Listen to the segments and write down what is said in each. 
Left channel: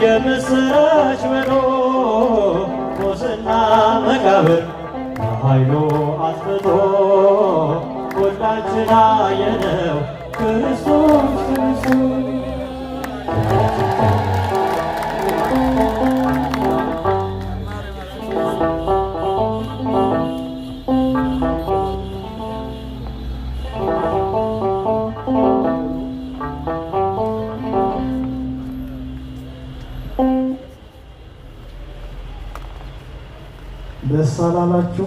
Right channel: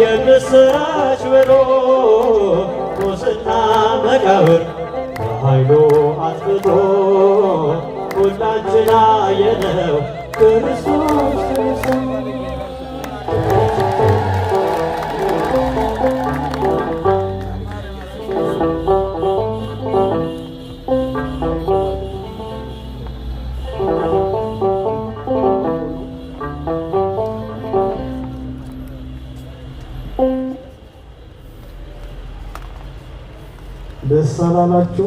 የምስራች ብሎ ሙስና መቃብር በኃይሉ አጥፍቶ ሁላችን አየነው ክርስቶስ ደስ አላላችሁ?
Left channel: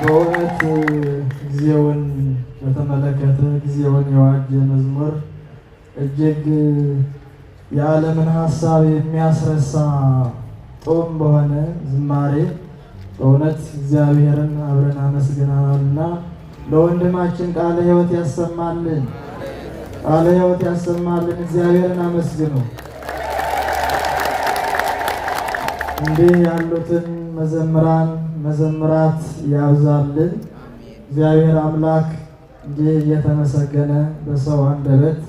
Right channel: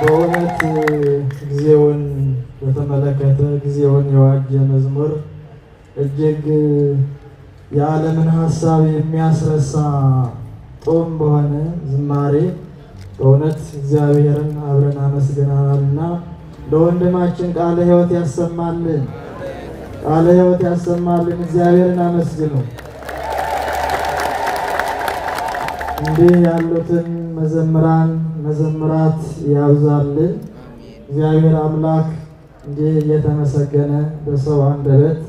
በእውነት ጊዜውን በተመለከተ ጊዜውን የዋጀ መዝሙር እጅግ የዓለምን ሀሳብ የሚያስረሳ ጦም በሆነ ዝማሬ በእውነት እግዚአብሔርን አብረን አመስግነናልና ለወንድማችን ቃለ ሕይወት ያሰማልን፣ ቃለ ሕይወት ያሰማልን። እግዚአብሔርን አመስግኑ። እንዲህ ያሉትን መዘምራን መዘምራት ያብዛልን። እግዚአብሔር አምላክ እንዲህ እየተመሰገነ በሰው አንደበት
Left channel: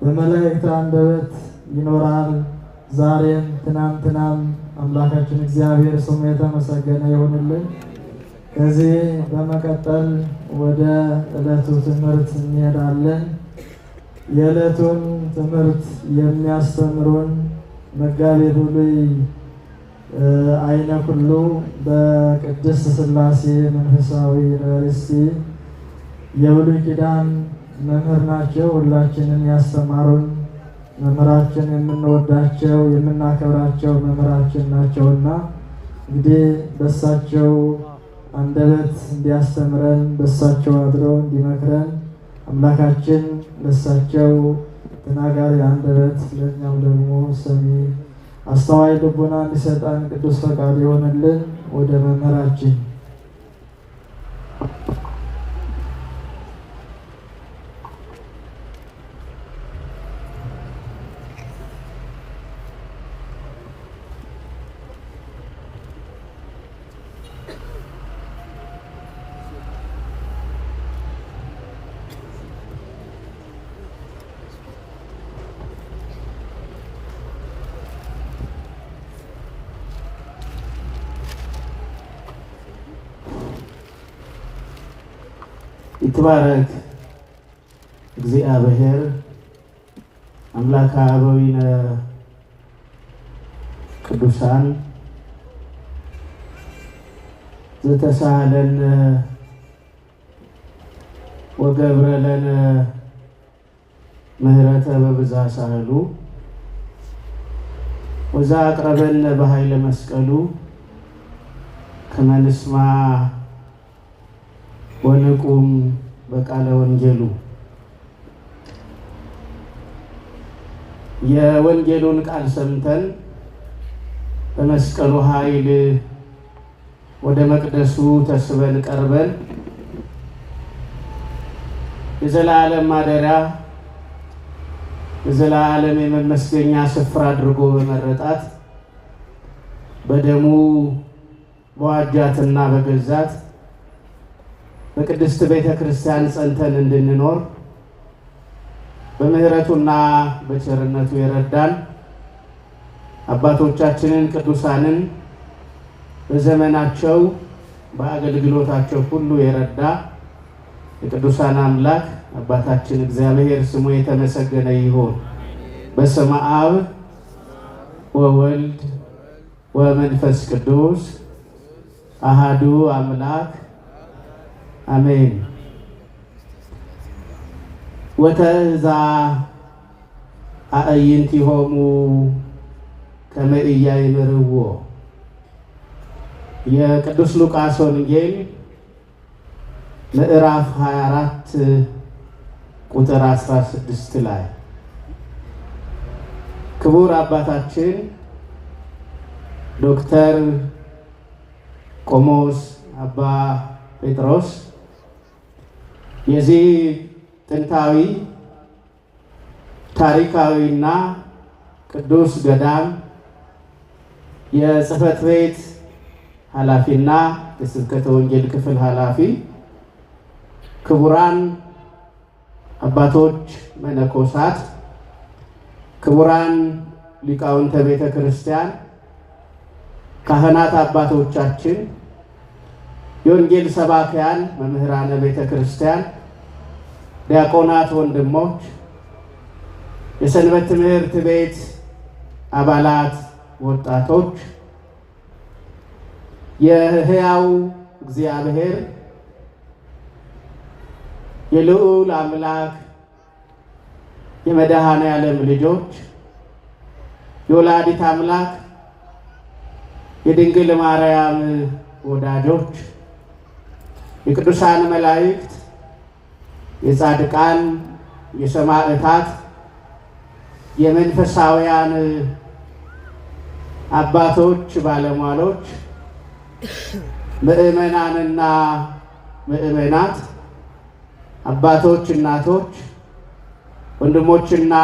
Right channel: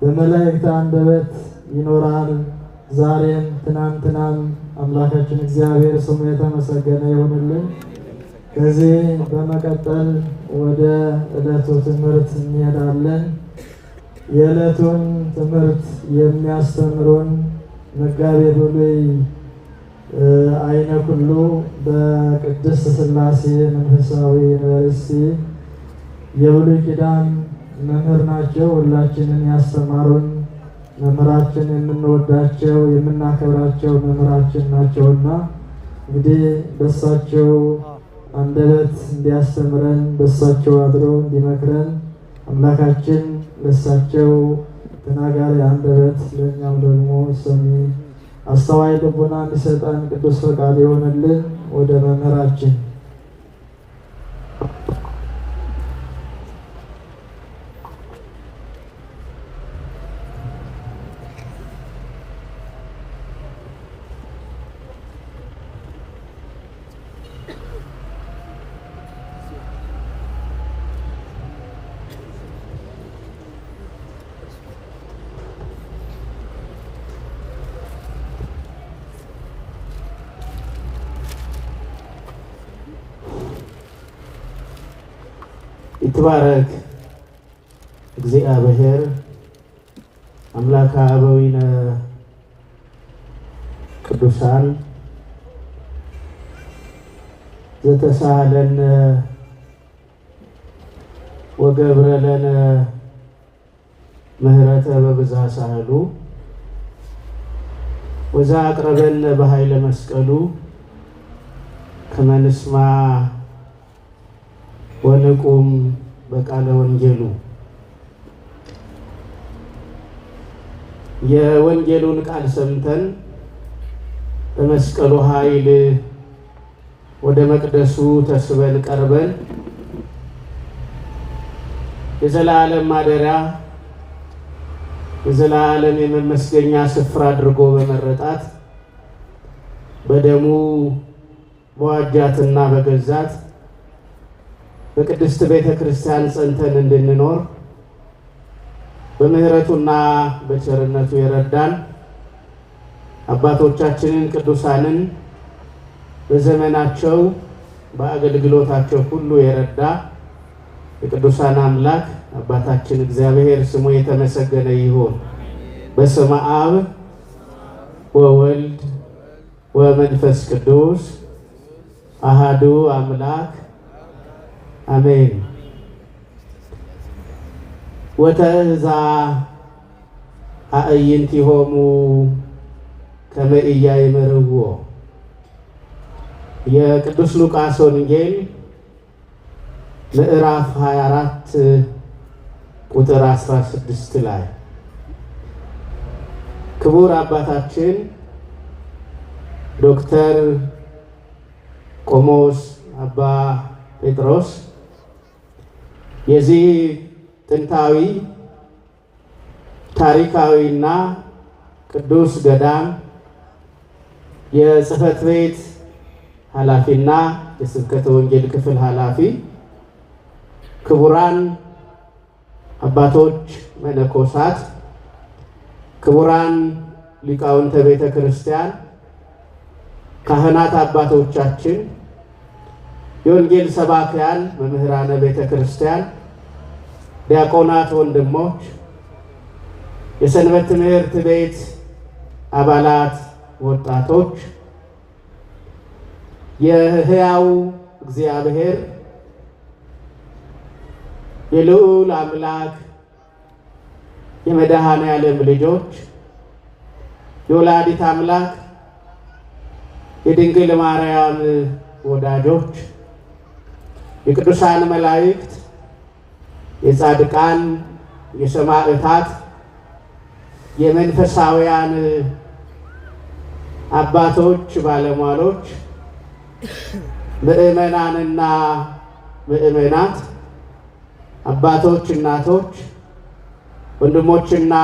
በመላእክት አንደበት ይኖራል። ዛሬም ትናንትናም አምላካችን እግዚአብሔር ስሙ የተመሰገነ ይሁንልን። ከዚህ በመቀጠል ወደ ዕለቱ ትምህርት እንሄዳለን። የዕለቱን ትምህርት የሚያስተምሩን መጋቤ ብሉይ አይነ ኩሉ በቅድስት ሥላሴ መንፈሳዊ ዩኒቨርሲቲ የብሉይ ኪዳን መምህር ናቸው። ሁላችንን ያስተማሩን መምህራችን፣ የምንወዳቸው የምናከብራቸው መምህራችን ናቸውና እንግዲህ በሳቸው አንደበት እንዲያስተምረን በሳቸው አድሮ እንዲመክረን አምላካችን ለሳቸው ተናጋሪ አንደበት ለእኛም ደግሞ ሰሚ አስተዋይ ልቡና እንዲሰጠን ቅዱስ ፈቃድ ይሆንልን። ወደ መምህራችን ይትባረክ እግዚአብሔር አምላከ አበዊነ ቅዱሳን ዘተሳሃለነ ወገብረ ለነ ምህረተ በብዝኃ ሳህሉ ወዘአቅረበነ በኃይለ መስቀሉ ከመ ንስማ ወንቁም በቃለ ወንጌሉ። የወንጌሉን ቃል ሰምተን በመስቀሉ ኃይል ወደ መቅደሱ ተስበን ቀርበን የዘላለም ማደሪያ የዘላለም የመመስገኛ ስፍራ አድርጎ በመረጣት በደሙ በዋጃትና በገዛት በቅድስት ቤተ ክርስቲያን ጸንተን እንድንኖር በምህረቱና በቸርነቱ የረዳን አባቶቻችንን ቅዱሳንን በዘመናቸው በአገልግሎታቸው ሁሉ የረዳ የቅዱሳን አምላክ አባታችን እግዚአብሔር ስሙ የተመሰገነ ይሁን። በስመ አብ ወወልድ ወመንፈስ ቅዱስ አሃዱ አምላክ አሜን። ወተዛ አዕይንቲሆሙ ከመ ኢያእምርዎ። የቅዱስ ሉቃስ ወንጌል ምዕራፍ 24 ቁጥር 16 ላይ ክቡር አባታችን ዶክተር ቆሞስ አባ ጴጥሮስ የዚህ ጥንታዊ ታሪካዊና ቅዱስ ገዳም የጽሕፈት ቤት ኃላፊና የስብከተ ወንጌል ክፍል ኃላፊ፣ ክቡራን አባቶች፣ መነኮሳት፣ ክቡራን ሊቃውንተ ቤተ ክርስቲያን፣ ካህናት አባቶቻችን፣ የወንጌል ሰባክያን መምህራነ ቤተ ክርስቲያን፣ ዲያቆናት ወንድሞች፣ የሰንበት ትምህርት ቤት አባላት፣ ወጣቶች፣ የሕያው እግዚአብሔር የልዑል አምላክ የመድኃኔ ዓለም ልጆች፣ የወላዲት አምላክ የድንግል ማርያም ወዳጆች፣ የቅዱሳን መላእክት፣ የጻድቃን፣ የሰማዕታት፣ የመንፈሳውያን አባቶች፣ ባለሟሎች፣ ምእመናንና ምእመናት፣ አባቶች፣ እናቶች፣ ወንድሞችና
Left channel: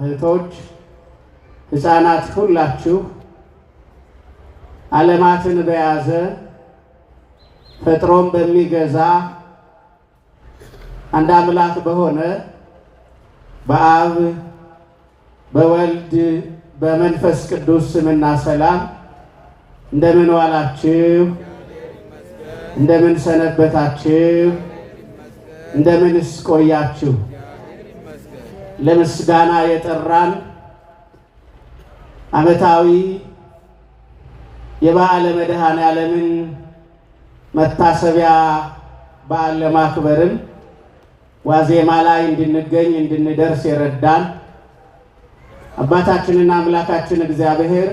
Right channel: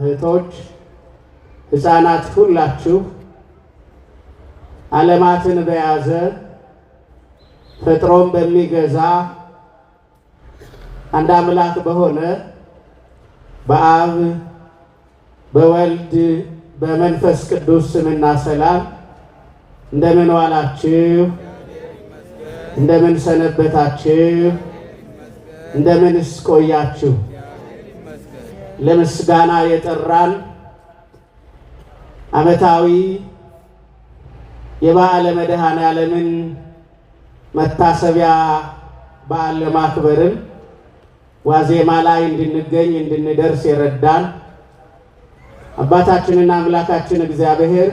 እህቶች፣ ሕፃናት ሁላችሁ ዓለማትን በያዘ ፈጥሮም በሚገዛ አንድ አምላክ በሆነ በአብ በወልድ በመንፈስ ቅዱስ ስምና ሰላም እንደምን ዋላችሁ? እንደምን ሰነበታችሁ? እንደምንስ ቆያችሁ? ለምስጋና የጠራን ዓመታዊ የበዓለ መድኃኔ ዓለምን መታሰቢያ በዓል ለማክበርም ዋዜማ ላይ እንድንገኝ እንድንደርስ የረዳን አባታችንና አምላካችን እግዚአብሔር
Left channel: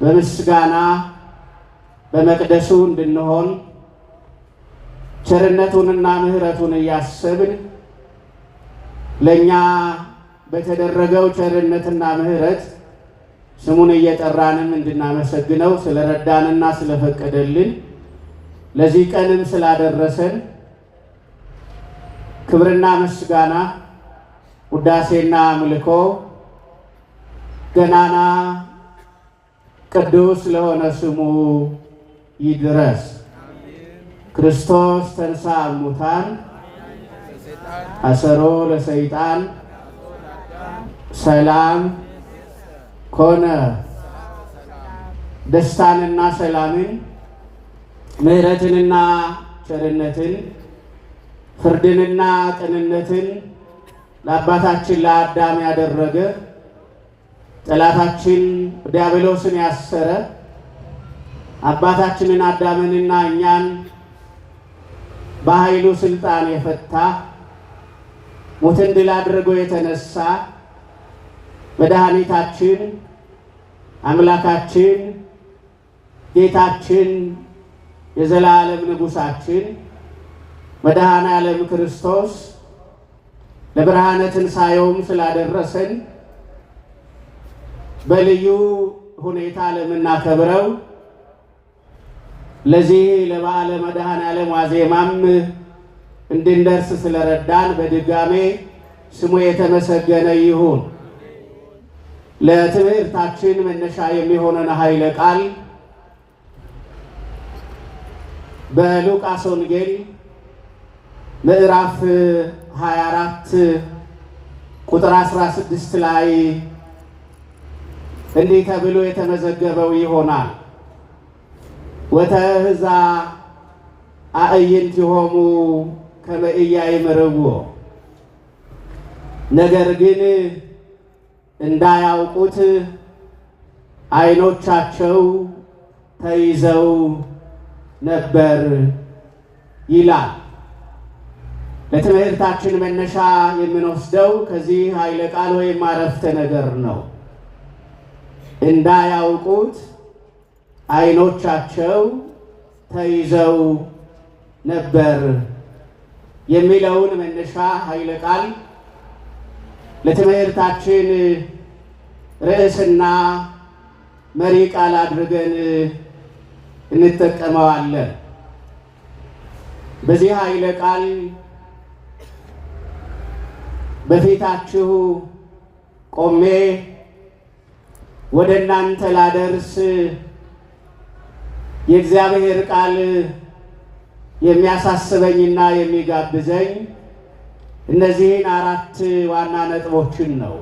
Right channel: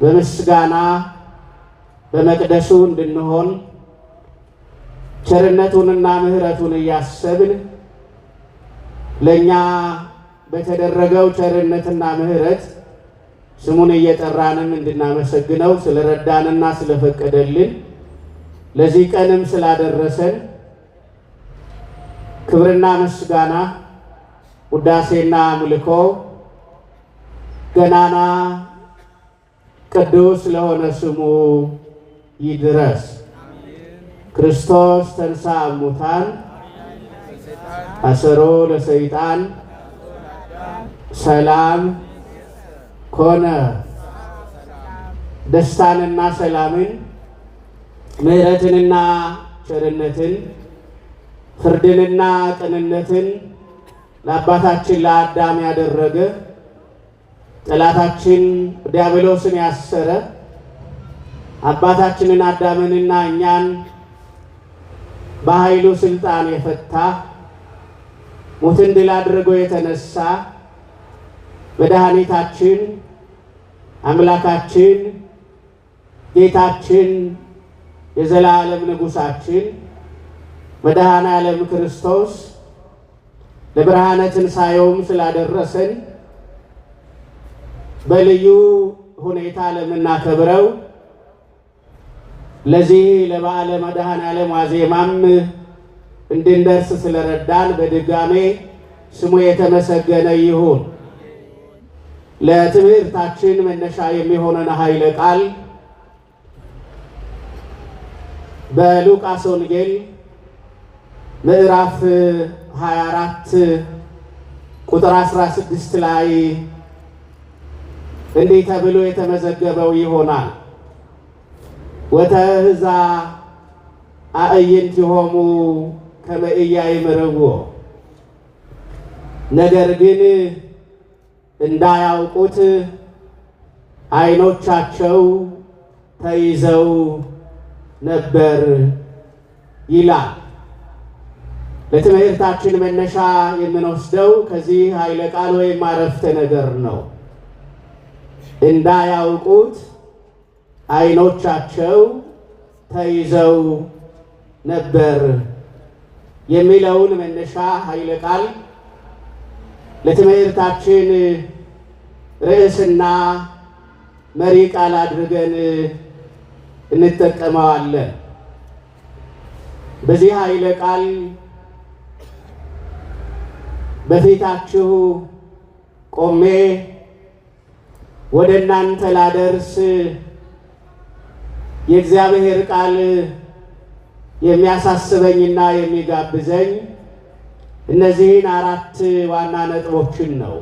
በምስጋና በመቅደሱ እንድንሆን ቸርነቱንና ምሕረቱን እያሰብን ለኛ በተደረገው ቸርነትና ምሕረት ስሙን እየጠራንም እንድናመሰግነው ስለረዳንና ስለፈቀደልን ለዚህ ቀንም ስላደረሰን ክብርና ምስጋና ውዳሴና አምልኮ ገናና ቅዱስ ለሆነ ስሙ ይድረስ። ክርስቶስ ተንሥአ እሙታን አሰሮ ለሰይጣን ሰላም ኮነ። ደስታንና ሰላምን ምሕረትንና ቸርነትን ፍርድንና ቅንነትን ለአባታችን ለአዳም ያደረገ ጠላታችን ዲያብሎስን ያሰረ አባታችንን አዳምንና እኛን በኃይሉ ስልጣን የፈታ ሞትን ድል አድርጎ የተነሳ መድኃኒታችን አምላካችን ጌታችን የዘላለም ንጉሳችን መድኃኔ ዓለም ክርስቶስ ለብርሃነ ትንሣኤውም ስላደረሰን በልዩ ሁኔታ ለምናከብረው ለዚህ ለበዓለ መድኃኔ ዓለም ዋዜማም እንድንደርስ ስለረዳን በድጋሜ ስሙ የተመሰገነ ይሁን። ለትምህርታችን መነሻ የሚሆነን ኃይለ ቃል በሉቃስ ወንጌል ምዕራፍ 24 ቁጥር 16 ላይ እንዲህ ተብሎ የተመዘገበው ይሆናል። ወተህዛ አዕይንቲሆሙ ከመ ኢያእምርዎ፣ ነገር ግን እንዳያውቁት ዓይኖቻቸው ተይዘው ነበር ይላል። ለትምህርታችን መነሻ የምንወስደው ከዚህ ኃይለ ቃል ወይም አረፍተ ነገር ነው። እንዳያውቁት ዓይኖቻቸው ተይዘው ነበር የሚለውን መነሻ ኃይለ ቃል ለትምህርታችን ርዕስና መሪ ቃል አድርገን እንጠቀመዋለን። በዚህ ኃይለ ቃል በፊታችሁ ቆሜ ወደ እናንተ ላደርስ የእግዚአብሔር ቃል የሚያሳስበኝና የሚጋብዘኝ እነዚህን አራት ዋና ነጥቦችን ነው።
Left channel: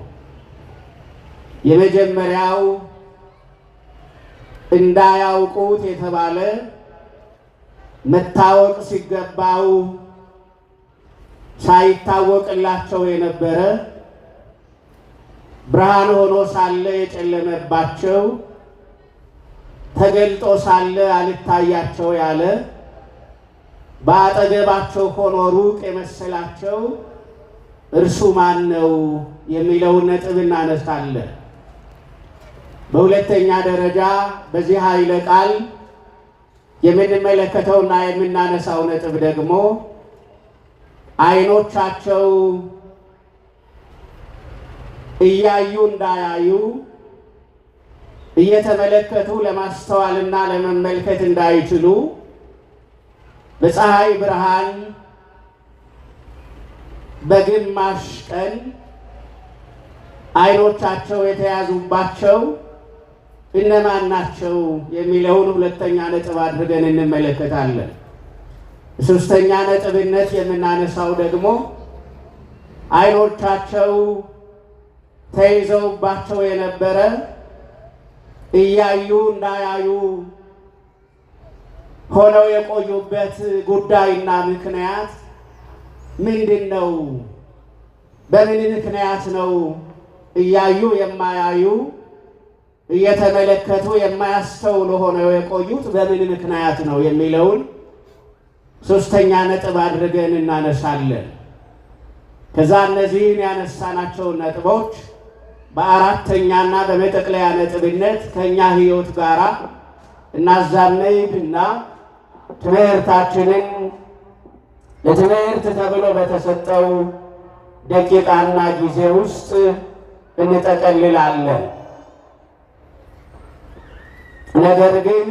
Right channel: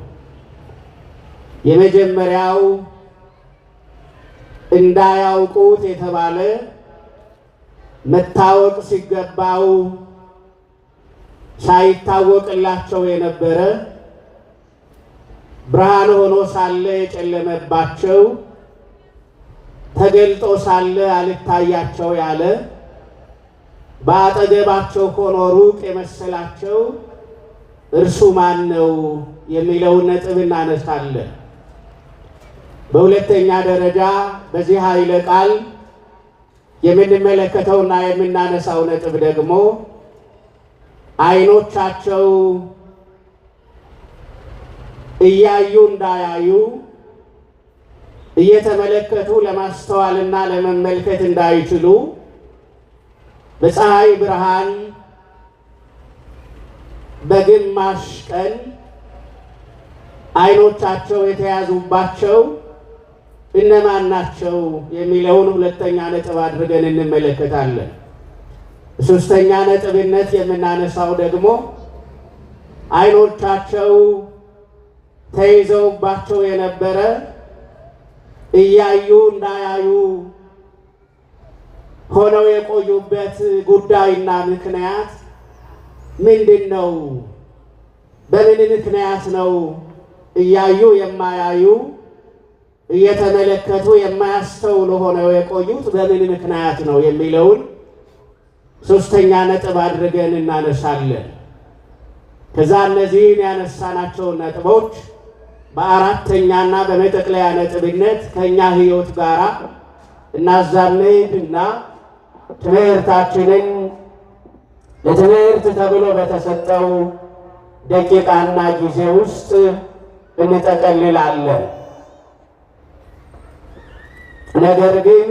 የመጀመሪያው እንዳያውቁት የተባለ መታወቅ ሲገባው ሳይታወቅላቸው የነበረ ብርሃን ሆኖ ሳለ የጨለመባቸው ተገልጦ ሳለ አልታያቸው ያለ በአጠገባቸው ሆኖ ሩቅ የመሰላቸው እርሱ ማን ነው የሚለውን ነጥብ እናነሳለን። በሁለተኛ ደረጃ በዚህ ኃይለ ቃል የምንመለከተውና የምናነሳው ነጥብ ደግሞ ዓይኖቻቸው እያዩ እንዳያዩ እየተመለከቱ ለማስተዋልና ለመመልከት እንዳይችሉ በፀሐይ ብርሃን በግማሽ ቀን ዓይኖቻቸው የተያዙባቸው እነማን ናቸው የሚለውን ሁለተኛ ነጥብ አድርገን እንመለከታለን። ሶስተኛ ነጥብነት የምናነሳው ደግሞ ዓይኖቻቸው ተይዘውባቸው የነበረ እያዩ እንዳያዩ ሆነው የቆዩበት ጉዳይና ምክንያት ምንድን ነው? በምን ምክንያት ነው እያዩ የማያዩ እየተመለከቱ የማያስተውሉ ሆነው የቆዩት? በምን ምክንያት ነው የሚለውን ሶስተኛ ነጥብ አድርገን እናነሳለን። ከዛ እነዚህን ያነሳናቸውን ነጥቦች በአራተኛና በመጠቅለያ ነጥብነት ከኛ ሕይወት ጋር እናዛመድና ትምህርታችንን ለትምህርት ተብሎ በተሰጠው ደቂቃና ጊዜ ውስጥ እንጠቀልላለን። ነገር ግን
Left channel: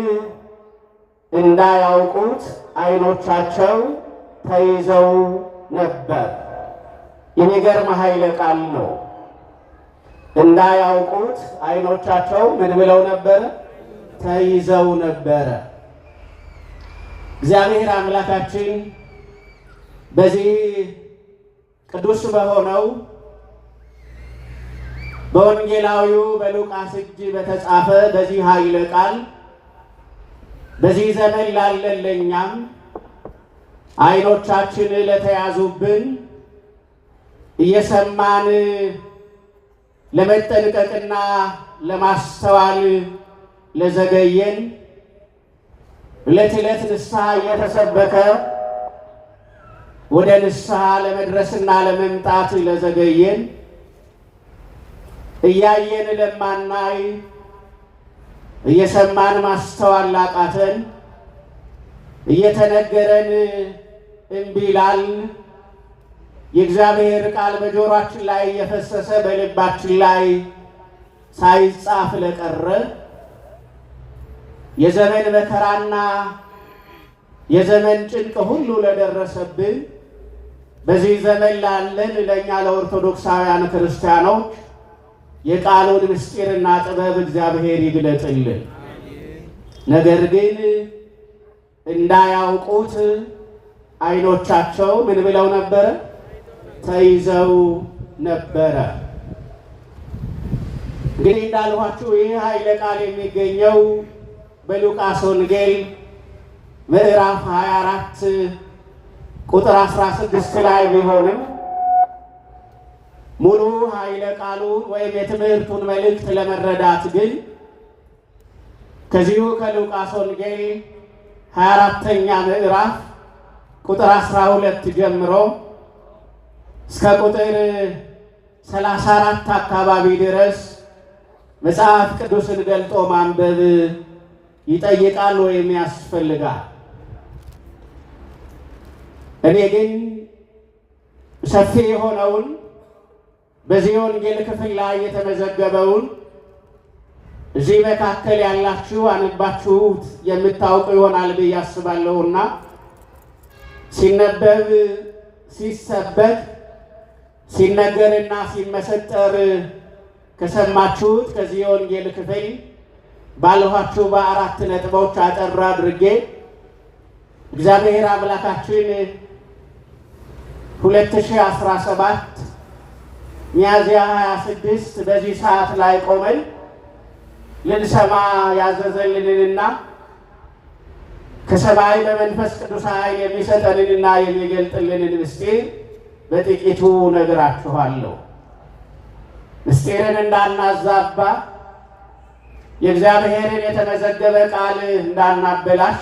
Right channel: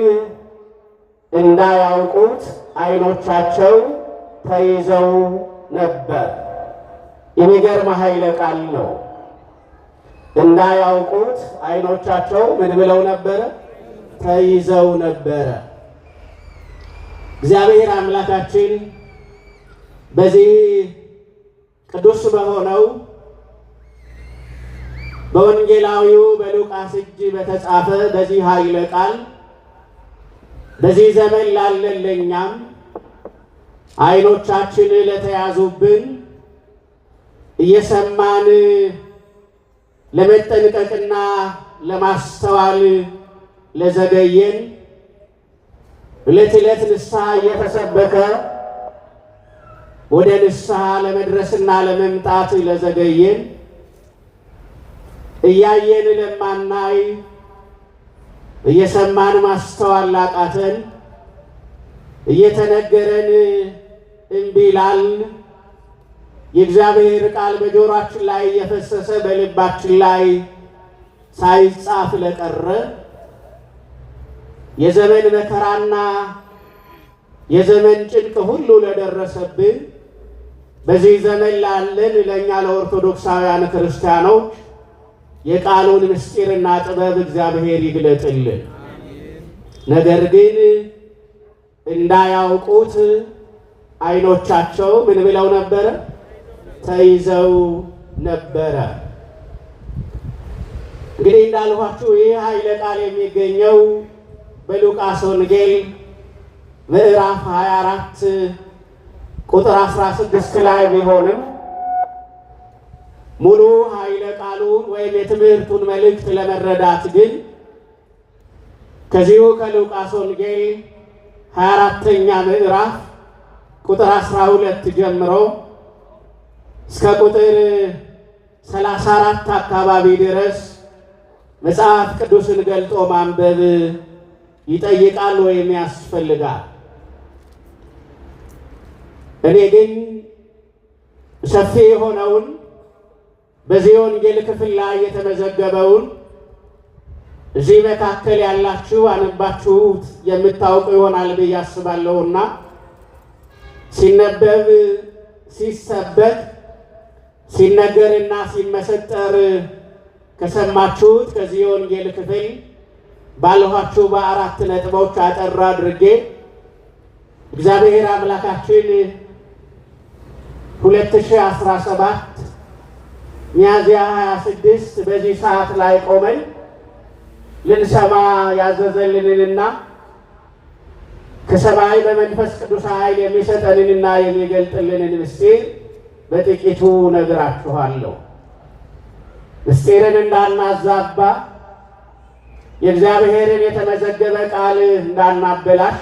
እንዳያውቁት ዓይኖቻቸው ተይዘው ነበር። የሚገርም ኃይለ ቃል ነው። እንዳያውቁት ዓይኖቻቸው ምን ብለው ነበረ? ተይዘው ነበረ። እግዚአብሔር አምላካችን በዚህ ቅዱስ በሆነው በወንጌላዊው በሉቃስ እጅ በተጻፈ በዚህ ኃይለ ቃል በዚህ ዘመን ላለን ለእኛም ዓይኖቻችን ለተያዙብን እየሰማን ለመጠንቀቅና ለማስተዋል ለዘገየን ዕለት ዕለት ንስሐ እየተሰበከ ወደ ንስሐ ለመድረስና ለመምጣት ለዘገየን እያየን ለማናይ እየሰማን ማስተዋል ላቃተን እየተነገረን እምቢ ላልን የእግዚአብሔር ቃል በጆሮአችን ላይ የፈሰሰ በልባችን ላይ ሳይጻፍ ለቀረ የዘመን መከራና የዘመን ጭንቅ ሁሉ ለደረሰብን በዚህ ዘመን ላለን ለእኛ ለኦርቶዶክሳውያን ክርስቲያኖች የቃሉን ምስጢርና ጥበብ እግዚአብሔር ይግለጥልን። ነገር ግን እንዳያውቁት ዓይኖቻቸው ምን ብለው ነበረ? ተይዘው ነበረ። እንግዲህ እንዳልኳችሁ ይህ ኃይለ ቃል የሚገኘው በሉቃስ ወንጌል ምዕራፍ 24 ቁጥር 16 ላይ ቢሆንም ሙሉ ኃይለ ቃሉ ወይም የትምህርቱን መልእክት ለመረዳት ግን ከዚሁ ከሉቃስ ወንጌል 24ኛ ምዕራፍ ቁጥር 12 ጀምሮ እስከ ቁጥር 34 አካባቢ ድረስ መጽሐፍ ቅዱስን ገልጦ ማንበብ ይጠይቃል ወይም ያስፈልጋል። እኔ ግን ሰፊ የሆነውን በዚህ ወንጌል ክፍል ላይ የተመዘገበውን እዚህ መካከል ያላችሁ አንባችሁት የምታውቁ ይሆናል ብዬ አስባለሁና ሲነበብ ሲሰበክ ሲነገርና ሲመሰጠር ከሰማችሁት ከዚህ የወንጌል ክፍል ባልኋችሁ በአራት ነጥቦች አጠር አድርጌ እግዚአብሔር አምላካችን 2017 ሚያዝያ 26 በዚህ ሰዓት ላይ ቆመን ልንሰማ ያዘዘልንንና ከሰማይ በመንፈስ ቅዱስ ኃይል የሚሰጠንንና የሚገልጥልንን ምስጢር በጥቂቱ ነግራችኋለሁ። ምስጢርን እንዳናዛባ የእግዚአብሔርን የተመዘገበ ቃል እንዳናበላሽ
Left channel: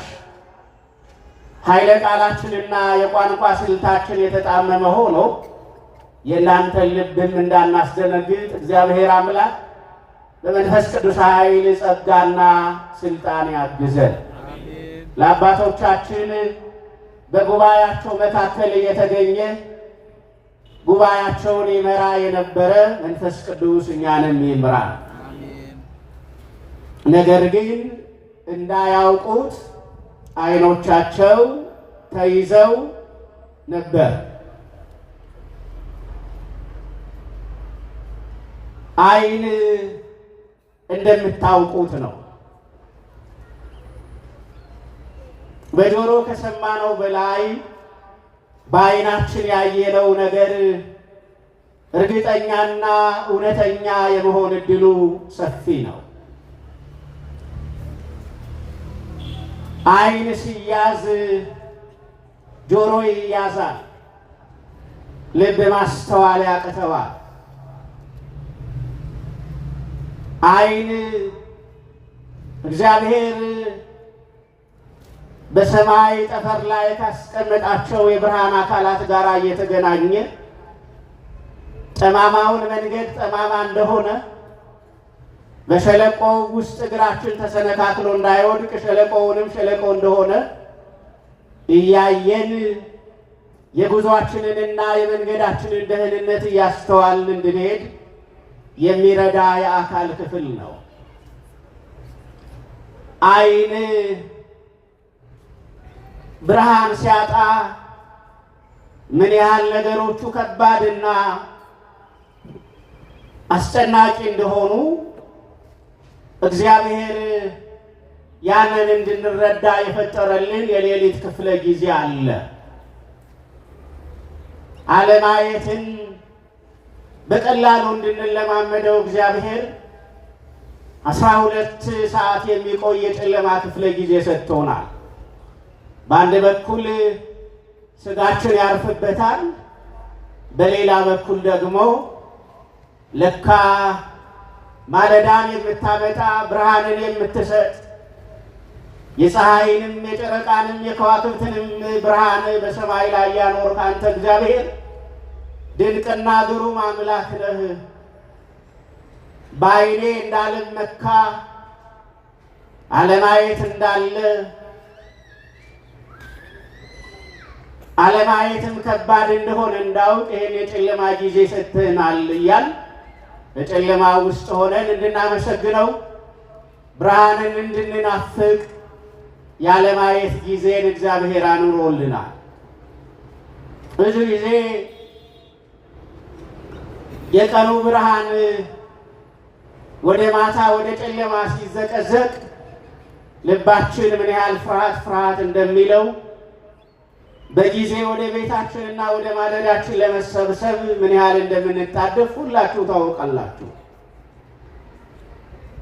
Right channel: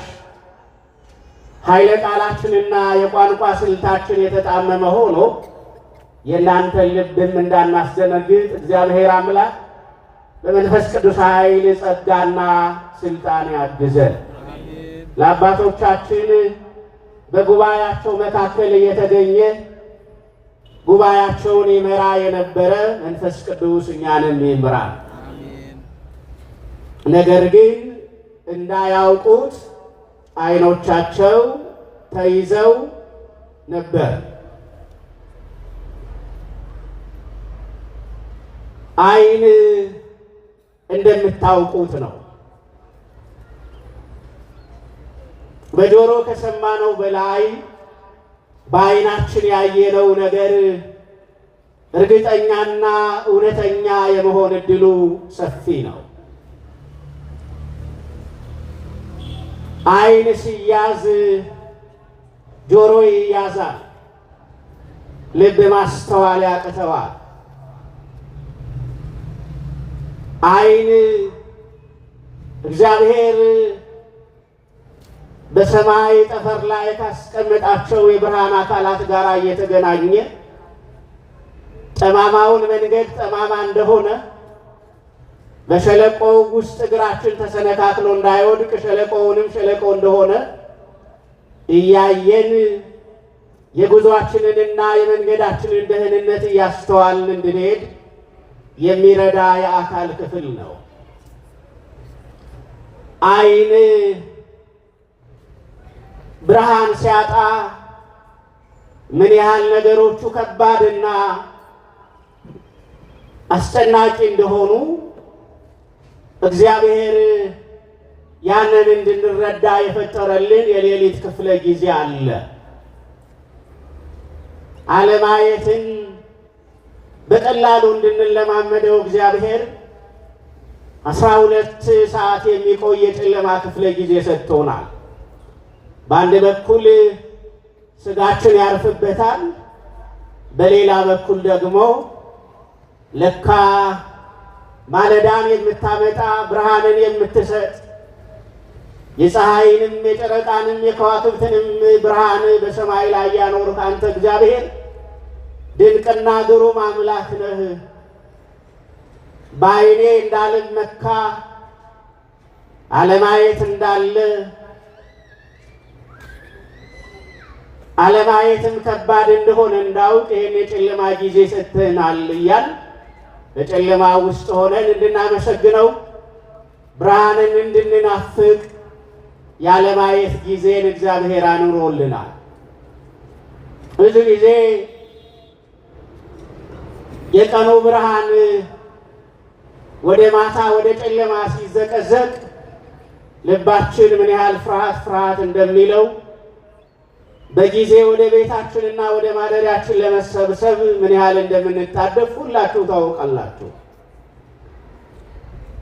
ኃይለ ቃላችንና የቋንቋ ስልታችን የተጣመመ ሆኖ የእናንተን ልብም እንዳናስደነግጥ እግዚአብሔር አምላክ በመንፈስ ቅዱስ ኃይል ጸጋና ስልጣን ያግዘን። ለአባቶቻችን በጉባኤያቸው መካከል እየተገኘ ጉባኤያቸውን ይመራ የነበረ መንፈስ ቅዱስ እኛንም ይምራ። ነገር ግን እንዳያውቁት ዓይኖቻቸው ተይዘው ነበር። ዓይን እንደምታውቁት ነው። በጆሮ ከሰማነው በላይ በዓይናችን ያየነው ነገር እርግጠኛና እውነተኛ የመሆን እድሉ ሰፊ ነው። ዓይን ሲያዝ ጆሮ ይያዛል፣ ልብ ማስተዋል ያቅተዋል። ዓይን እግዚአብሔር በሰማይ ጠፈር ላይ ካስቀመጣቸው የብርሃን አካላት ጋር እየተገናኘ ጠማማውን መንገድ ጠማማ እንደሆነ በሸለቆው ውስጥ እግራችን ተሰነካክሎ እንዳይወድቅ ሸለቆውንም ሸለቆ እንደሆነ እያየን የጉዞአችንንና የመንገዳችንን ደህንነት እያስተዋልን እንድንሄድ የሚረዳ የአካል ክፍል ነው። ዓይን ብርሃን ሲያጣ ምን ያህል ነገሮቹ ከባድና አስጨናቂ እንደሆኑ እግዚአብሔር ያንን እንድንረዳ የፈጠረልን የሌሊት ክፍለ ጊዜ አለ። አለማየትን በቀላሉ እንድንለማመደው እግዚአብሔር 12 ሰዓት የሚቆይ የጨለማ ክፍለ ጊዜ ሰጥቶናል። በአንድ በኩል ስጋችን ያርፍበታል፣ በሌላ በኩል ደግሞ ለካ ማለዳን የምታመጣ ብርሃንን የምትሰጥ የፀሐይንም የጨረቃንም የከዋክብትንም ብርሃን በሰማይ ላይ ያኖርክ አንተ እግዚአብሔር ድንቅና ግሩም አምላክ ነህ። በዓይኔ እንዳልመካ አለማየት እንዳለ አለማየትም ከባድ እንደሆነ እንዳውቅ ይህን የጨለማ ጊዜ ሰጥተናል እያል በጨለማ ውስጥ ሆነን እንድናመሰግነው ብርሃንን እንድንናፍቅ ያለማየት ጊዜን እግዚአብሔር አኑሮልናል። ብዙ ጊዜ የቀኑ ብርሃን ወደ ማታ ወደ ጨለማ ሲዘቀዘቅ ልባችን ምን ያህል ፍርሃት እንደሚለው በጊዜ ወደ ቤታችንና ወደ ማደሪያችን ለመሰብሰብ ምን ያህል እንደምንታደፍ ሁላችሁ ታውቃላችሁ።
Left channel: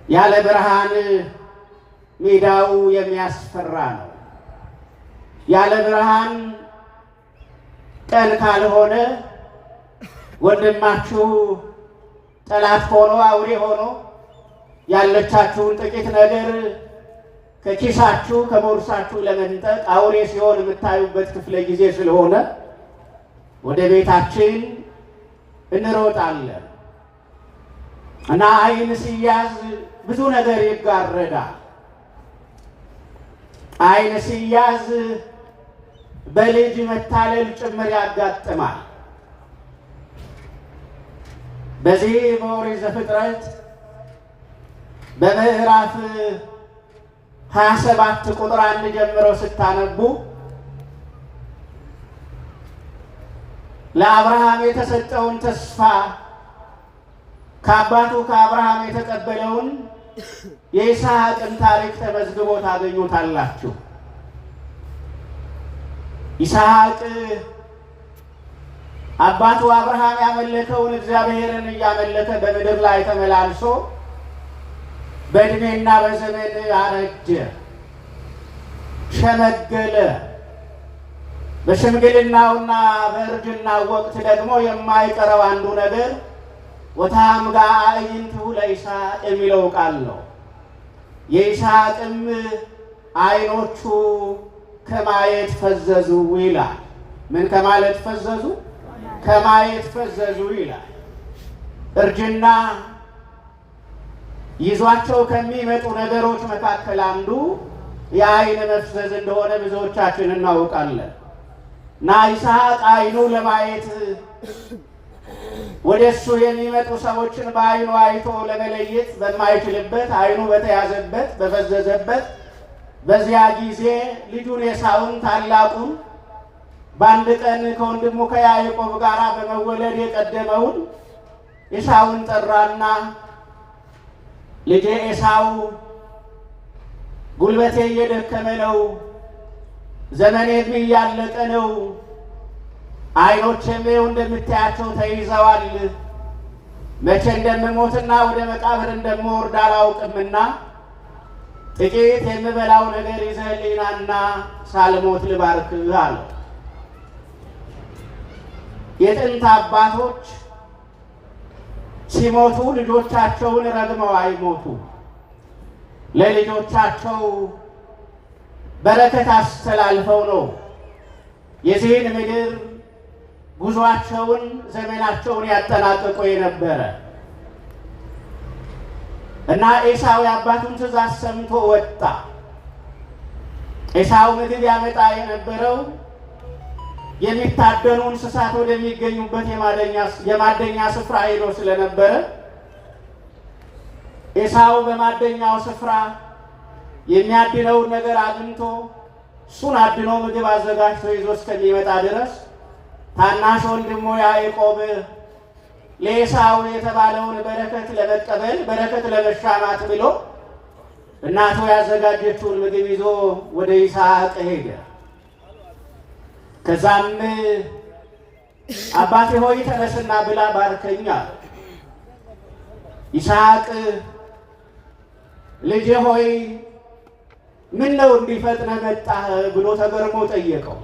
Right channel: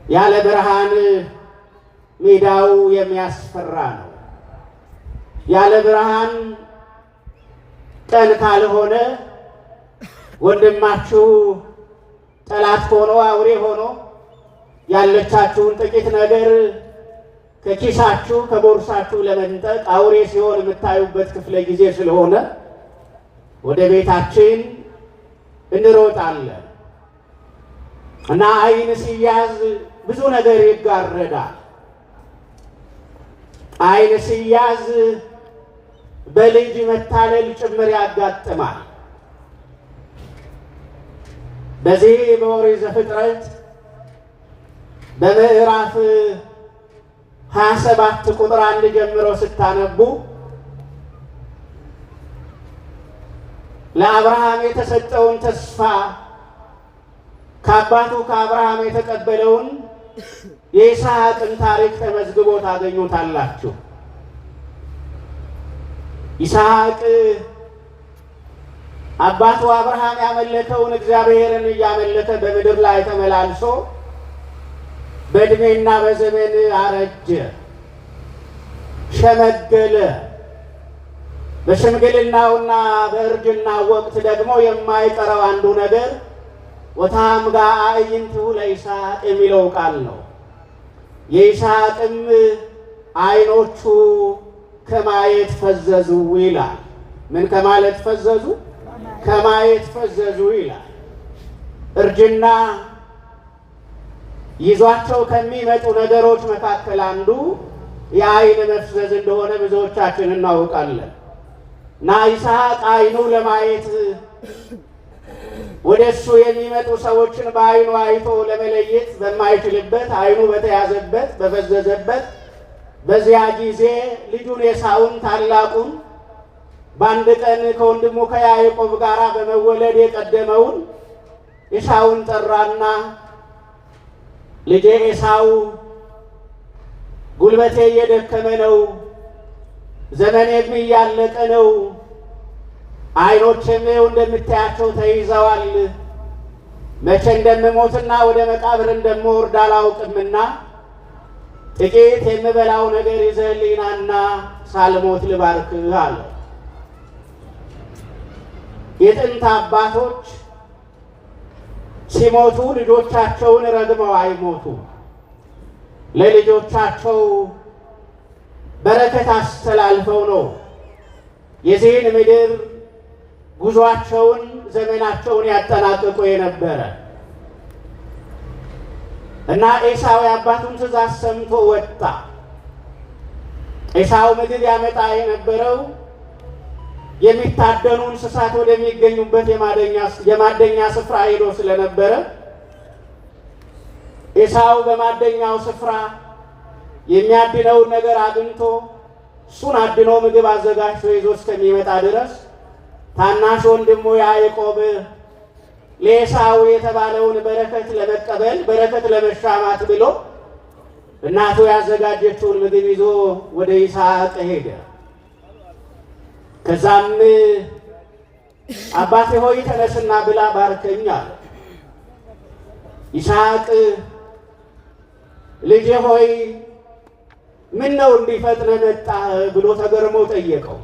ያለ ብርሃን ሜዳው የሚያስፈራ ነው። ያለ ብርሃን ቀን ካልሆነ ወንድማችሁ ጠላት ሆኖ አውሬ ሆኖ ያለቻችሁን ጥቂት ነገር ከኪሳችሁ ከቦርሳችሁ ለመንጠቅ አውሬ ሲሆን የምታዩበት ክፍለ ጊዜ ስለሆነ ወደ ቤታችን እንሮጣለን እና ዓይን ሲያዝ ብዙ ነገር ይጋረዳል። ዓይን ሲያዝ በልጅ መታለል ጭምር ያጋጥማል። በዚህ በኦሪት ዘፍጥረት በምዕራፍ 27 ቁጥር 1 ጀምሮ ስታነቡ ለአብርሃም የተሰጠውን ተስፋ ከአባቱ ከአብርሃም የተቀበለውን የይስሐቅን ታሪክ ተመዝግቦ ታገኙታላችሁ። ይስሐቅ አባቱ አብርሃም ያመለከውን እግዚአብሔርን እያመለከ በምድር ላይ ተመላልሶ በዕድሜና በዘመን አረጀ፣ ሸመገለ። በሽምግልናውና በእርጅናው ወቅት ደግሞ የማይቀረው አንዱ ነገር ወታምጋ አዕይንቲሁ ለይስሐቅ የሚለው ቃል ነው። የይስሐቅም ዓይኖቹ ከማየት ፈዘዙ ይላል። ምን ከማለት ፈዘዙ? ከማየት ፈዘዙ ይላል። እርጅና ይዟቸው ከሚመጡ ነገሮች መካከል አንዱ የዓይን መፍዘዝ እንደሆነ ብዙዎቻችን እናውቃለን። እና ይስሐቅ ዓይኑ ለማየት ወደ እሱ የሚመጡ ሰዎችን በዓይኑ አይቶ ለመለየት በማይችልበት ዓይኑ በተያዘበት በፈዘዘበት በዚያ ጊዜ ልጁን ኤሳውን ታላቁን በአንድ ቀን ከወንድሙ ከያዕቆብ ጋር በመወለድ የቀደመውን ኤሳውን ጠራና ልጄ ኤሳው ጉልበቴ እየደከመ ነው፣ ዘመኔም እያለቀ ነው፣ ዓይኖቼም እንደምታያቸው ተይዘዋል። መቼ እንደምሞትና ወደ መቃብር እንደምወርድ አላውቅምና ጥቂት የምበላው ነገር ይዘህልኝ ናና ሳልሞት ልባርክህ አለ። የጥንት አባቶች ሲሞቱ ልጆቻቸውን ረግመው አይሞቱ። ለልጆቻቸው በረከት አስተላልፈው ነው የዚህን ምድር ጉዟቸውን ዘመናቸውን ያጠናቅቁ የነበረ እና ኤሳው የአባቱን ትእዛዝ ሰምቶ ወጣ። ኤሳው ምግብ ያመጣ የነበረው የሚታደኑ እንስሳት ወደሚገኙበት የማደኛ ስፍራ ሄዶ ስለነበረ ኤሳው በማደኛው ስፍራ የሚያድነውን ነገር አግኝቶ እሱን አድኖ ምግብ አዘጋጅቶ ይዞ እስከሚመጣ ድረስ ታናሽ ወንድሙ ያዕቆብ ለኤሳው የተባለውን በረከት ለመቀበል በረከት ለመሻማት ብሎ እናቱ ያዘጋጀችውን ምግብ ይዞ ወደ ይስሐቅ ሄደ። ከዛም አባቴ ሆይ ተነስና ብላ ባርከኝ አለ። ይስሐቅ ልጄ ሆይ ምን ነው እንዲፈጥነ መጣህ ብሎ ተገርሞ ጠየቀው።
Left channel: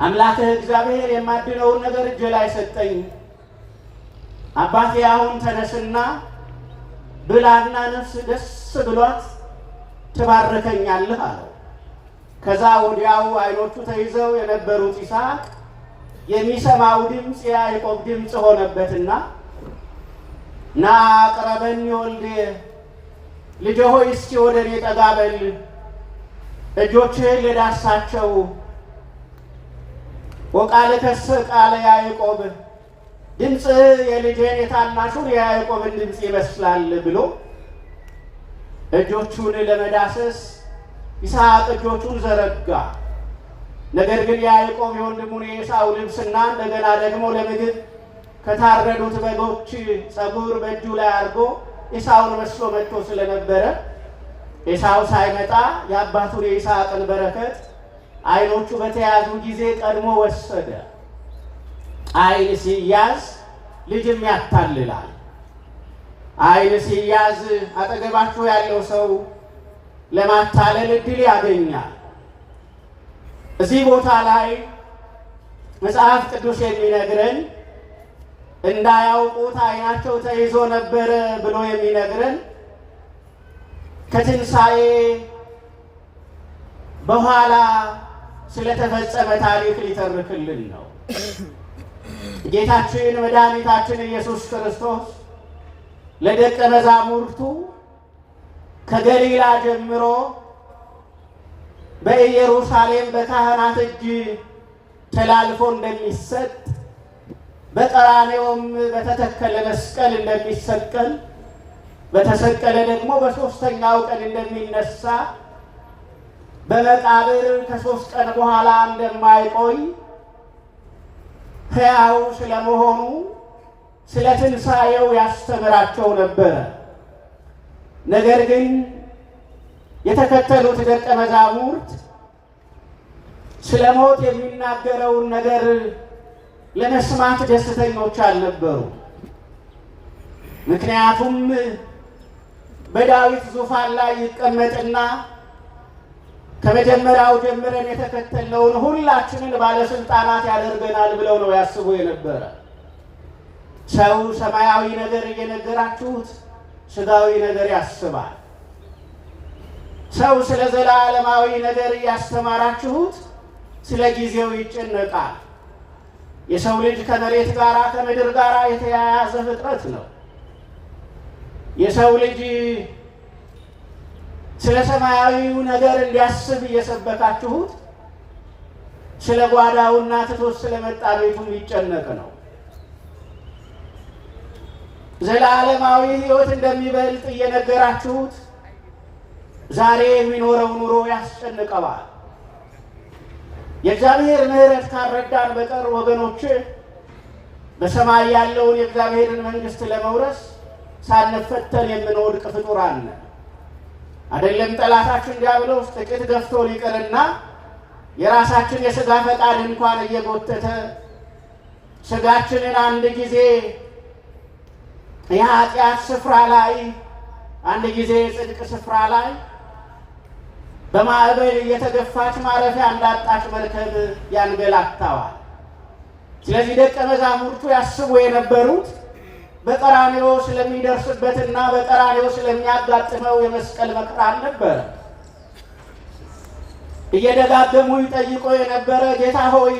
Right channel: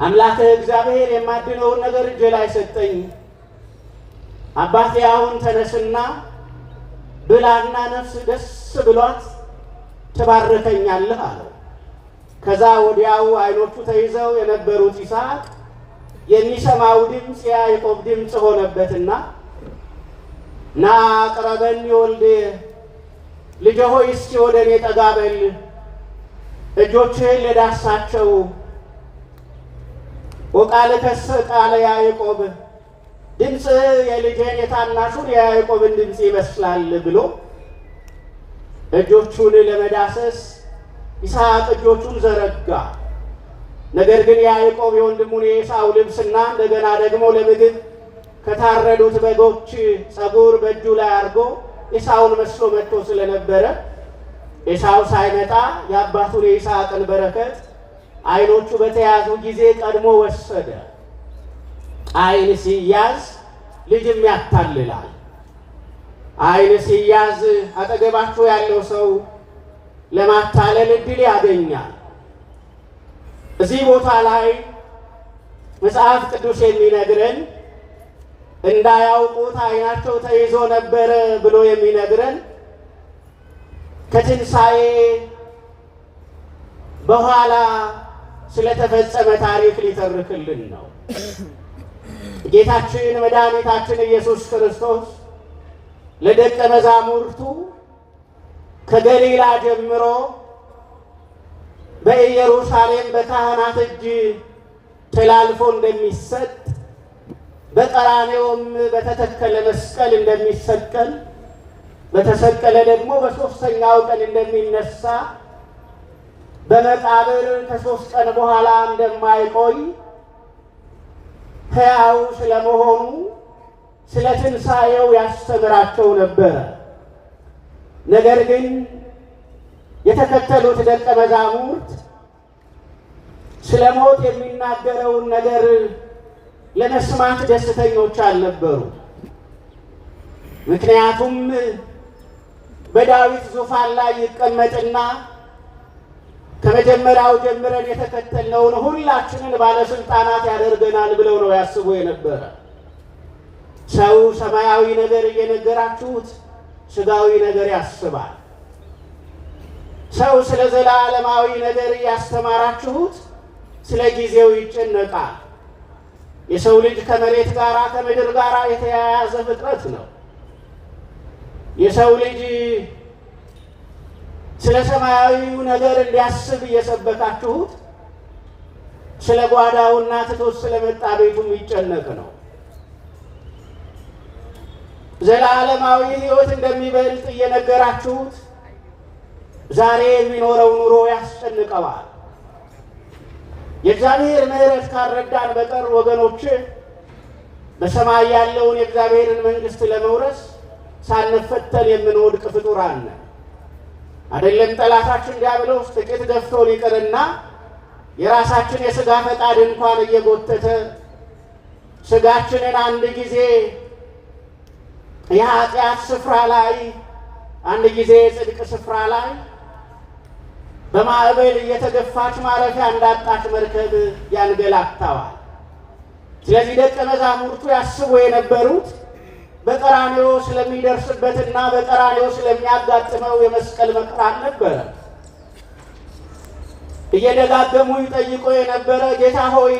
አምላክህ እግዚአብሔር የማድነውን ነገር እጄ ላይ ሰጠኝ። አባቴ አሁን ተነስና ብላና ነፍስ ደስ ብሏት ትባርከኛለህ አለው። ከዛ ወዲያው ዓይኖቹ ተይዘው የነበሩት ይስሐቅ የሚሰማው ድምፅ የያዕቆብ ድምፅ ሆነበትና ና ቅረበኒ ወልዴ፣ ልጄ ሆይ እስኪ ወደ እኔ ጠጋ በል፣ እጆችህን ልዳሳቸው። ወቃልከሰ ቃለ ያዕቆብ፣ ድምፅህ የልጄን የታናሹን የያዕቆብን ድምፅ ይመስላል ብሎ እጆቹን ለመዳሰስ ይስሐቅ እጆቹን ዘረጋ። ነገር ግን ያዕቆብ የወንድሙን የኤሳው ልብስና እንደገና ደግሞ ለምግብ ከታረዱት በጎች ፀጉር በእጁ ላይ አድርጎ ኤሳውን መስሎ መጥቶ ስለነበረ ኤሳው ሳይመጣ የአባቱን የይስሐቅን በረከት ዓይኖቹ በተያዙ ጊዜ ቀድሞ ወሰደ። ዓይን ሲያዝ ልጅም ያታልላል። ዓይን ሲያዝ አጠገባችሁ ያለው ሰው ለማታለል እድል ያገኛል። እዚህ ቦታ ላይ መጽሐፍ ቅዱስ የሚነግረን እንዳያውቁት ዓይናቸው ተይዞ ነበረ ብሎ የሚነግረን ከትንሣኤ በኋላ ስለተፈጸመ ታሪክ ሊተርክልን ነው። ጌታችን መድኃኒታችን ኢየሱስ ክርስቶስ ለደቀ መዛሙርቱ ከገሊላ ጀምሮ በኢየሩሳሌም በካህናት እጅ ተላልፎ እንደሚሰጥ በቀራንዮም በተተከለ መስቀል እንደሚሰቀል በተሰቀለ ደግሞ በሦስተኛው ቀን እንደሚነሳ በመቃብር ከ3 ቀን በኋላ እንደማይቆይ ሕያው ስለመሆኑ ስለ ትንሣኤው ያስተምራቸው ነበረ። ነገር ግን የተከተሉት ደቀ መዛሙርት ስለ ሞት የሚናገረውን ነገር ለመስማት ደስተኞች አልነበሩ። ምክንያቱም በዳዊት ዙፋን ላይ ይቀመጥና ከመጀመሪያው ጀምረን የተከተልነውን ሁላችንን ባለስልጣናት ያደርገናል ብለው ነው ያስቡ የነበረ። ሰው ሰማያዊ ነገር እየነገራችሁት ስጋዊ ነገር ያስባል። ሰው ስለ ዘላለማዊ ነገር እያስተማራችሁት ስለ ጊዜው ይጨነቃል። የሰው ልጅ ከመሬት ጋር ከምድር ጋር የተያያዘ ፍጥረት ነው። የሰው ልጅ ስለ ሰማያዊው ነገር እንዲያስብ እየሰበካችሁት ስለ ጓዳውና ትቶት ስለመጣ ቤቱም ይጨነቅ ነው። ዘላለማዊ ሕይወት እንደሚበልጥ እየነገራችሁት ዛሬ የሚኖረው ኑሮ ያስጨንቀዋል። የእግዚአብሔር ምሕረት ካልረዳን በቀር ወገኖች በሰማይ ያለውን የእግዚአብሔርን መንግሥት ለመውረስ ሳንፈተን የምንወድቅ ፍጡራን ነን። አይደለም ጠላታችን ዲያብሎስ ጥቂት ገፍቶን ይቅርና የራሳችን የሥጋ ፈቃድ እንኳን እየጎተተ ሥጋችንን አንድ ጊዜ የኃጢአት ስፍራ ላይ አንድ ጊዜ የጽድቅ ስፍራ ላይ በማዕበል እየተገፋች ማረፊያ እንዳጣች መርከብ ያንገላታዋል። ስለዚህ ደቀ መዛሙርቱ ያስቡ የነበሩት በቀራንዮ ስለሚደርስበትና በቀራንዮ ስለሚያጋጥመው የመስቀል መከራ ነበረ። እየደጋገሙ ይጠይቁ የነበረ ጌታ ሆይ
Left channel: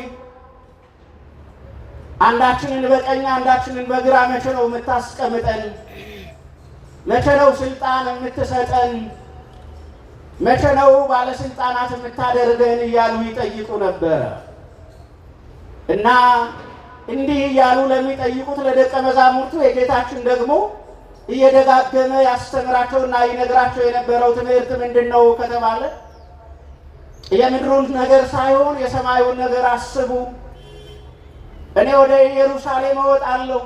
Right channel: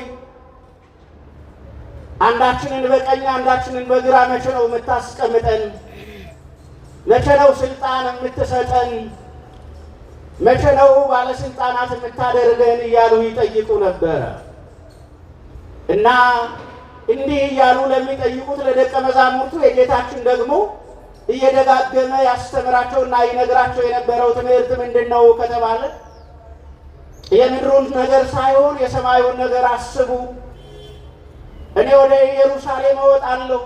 አንዳችንን በቀኝ አንዳችንን በግራ መቼ ነው የምታስቀምጠን? መቼ ነው ስልጣን የምትሰጠን? መቼ ነው ባለስልጣናት የምታደርገን? እያሉ ይጠይቁ ነበረ እና እንዲህ እያሉ ለሚጠይቁት ለደቀ መዛሙርቱ የጌታችን ደግሞ እየደጋገመ ያስተምራቸውና ይነግራቸው የነበረው ትምህርት ምንድን ነው ከተባለ የምድሩን ነገር ሳይሆን የሰማዩን ነገር አስቡ። እኔ ወደ ኢየሩሳሌም እወጣለሁ፣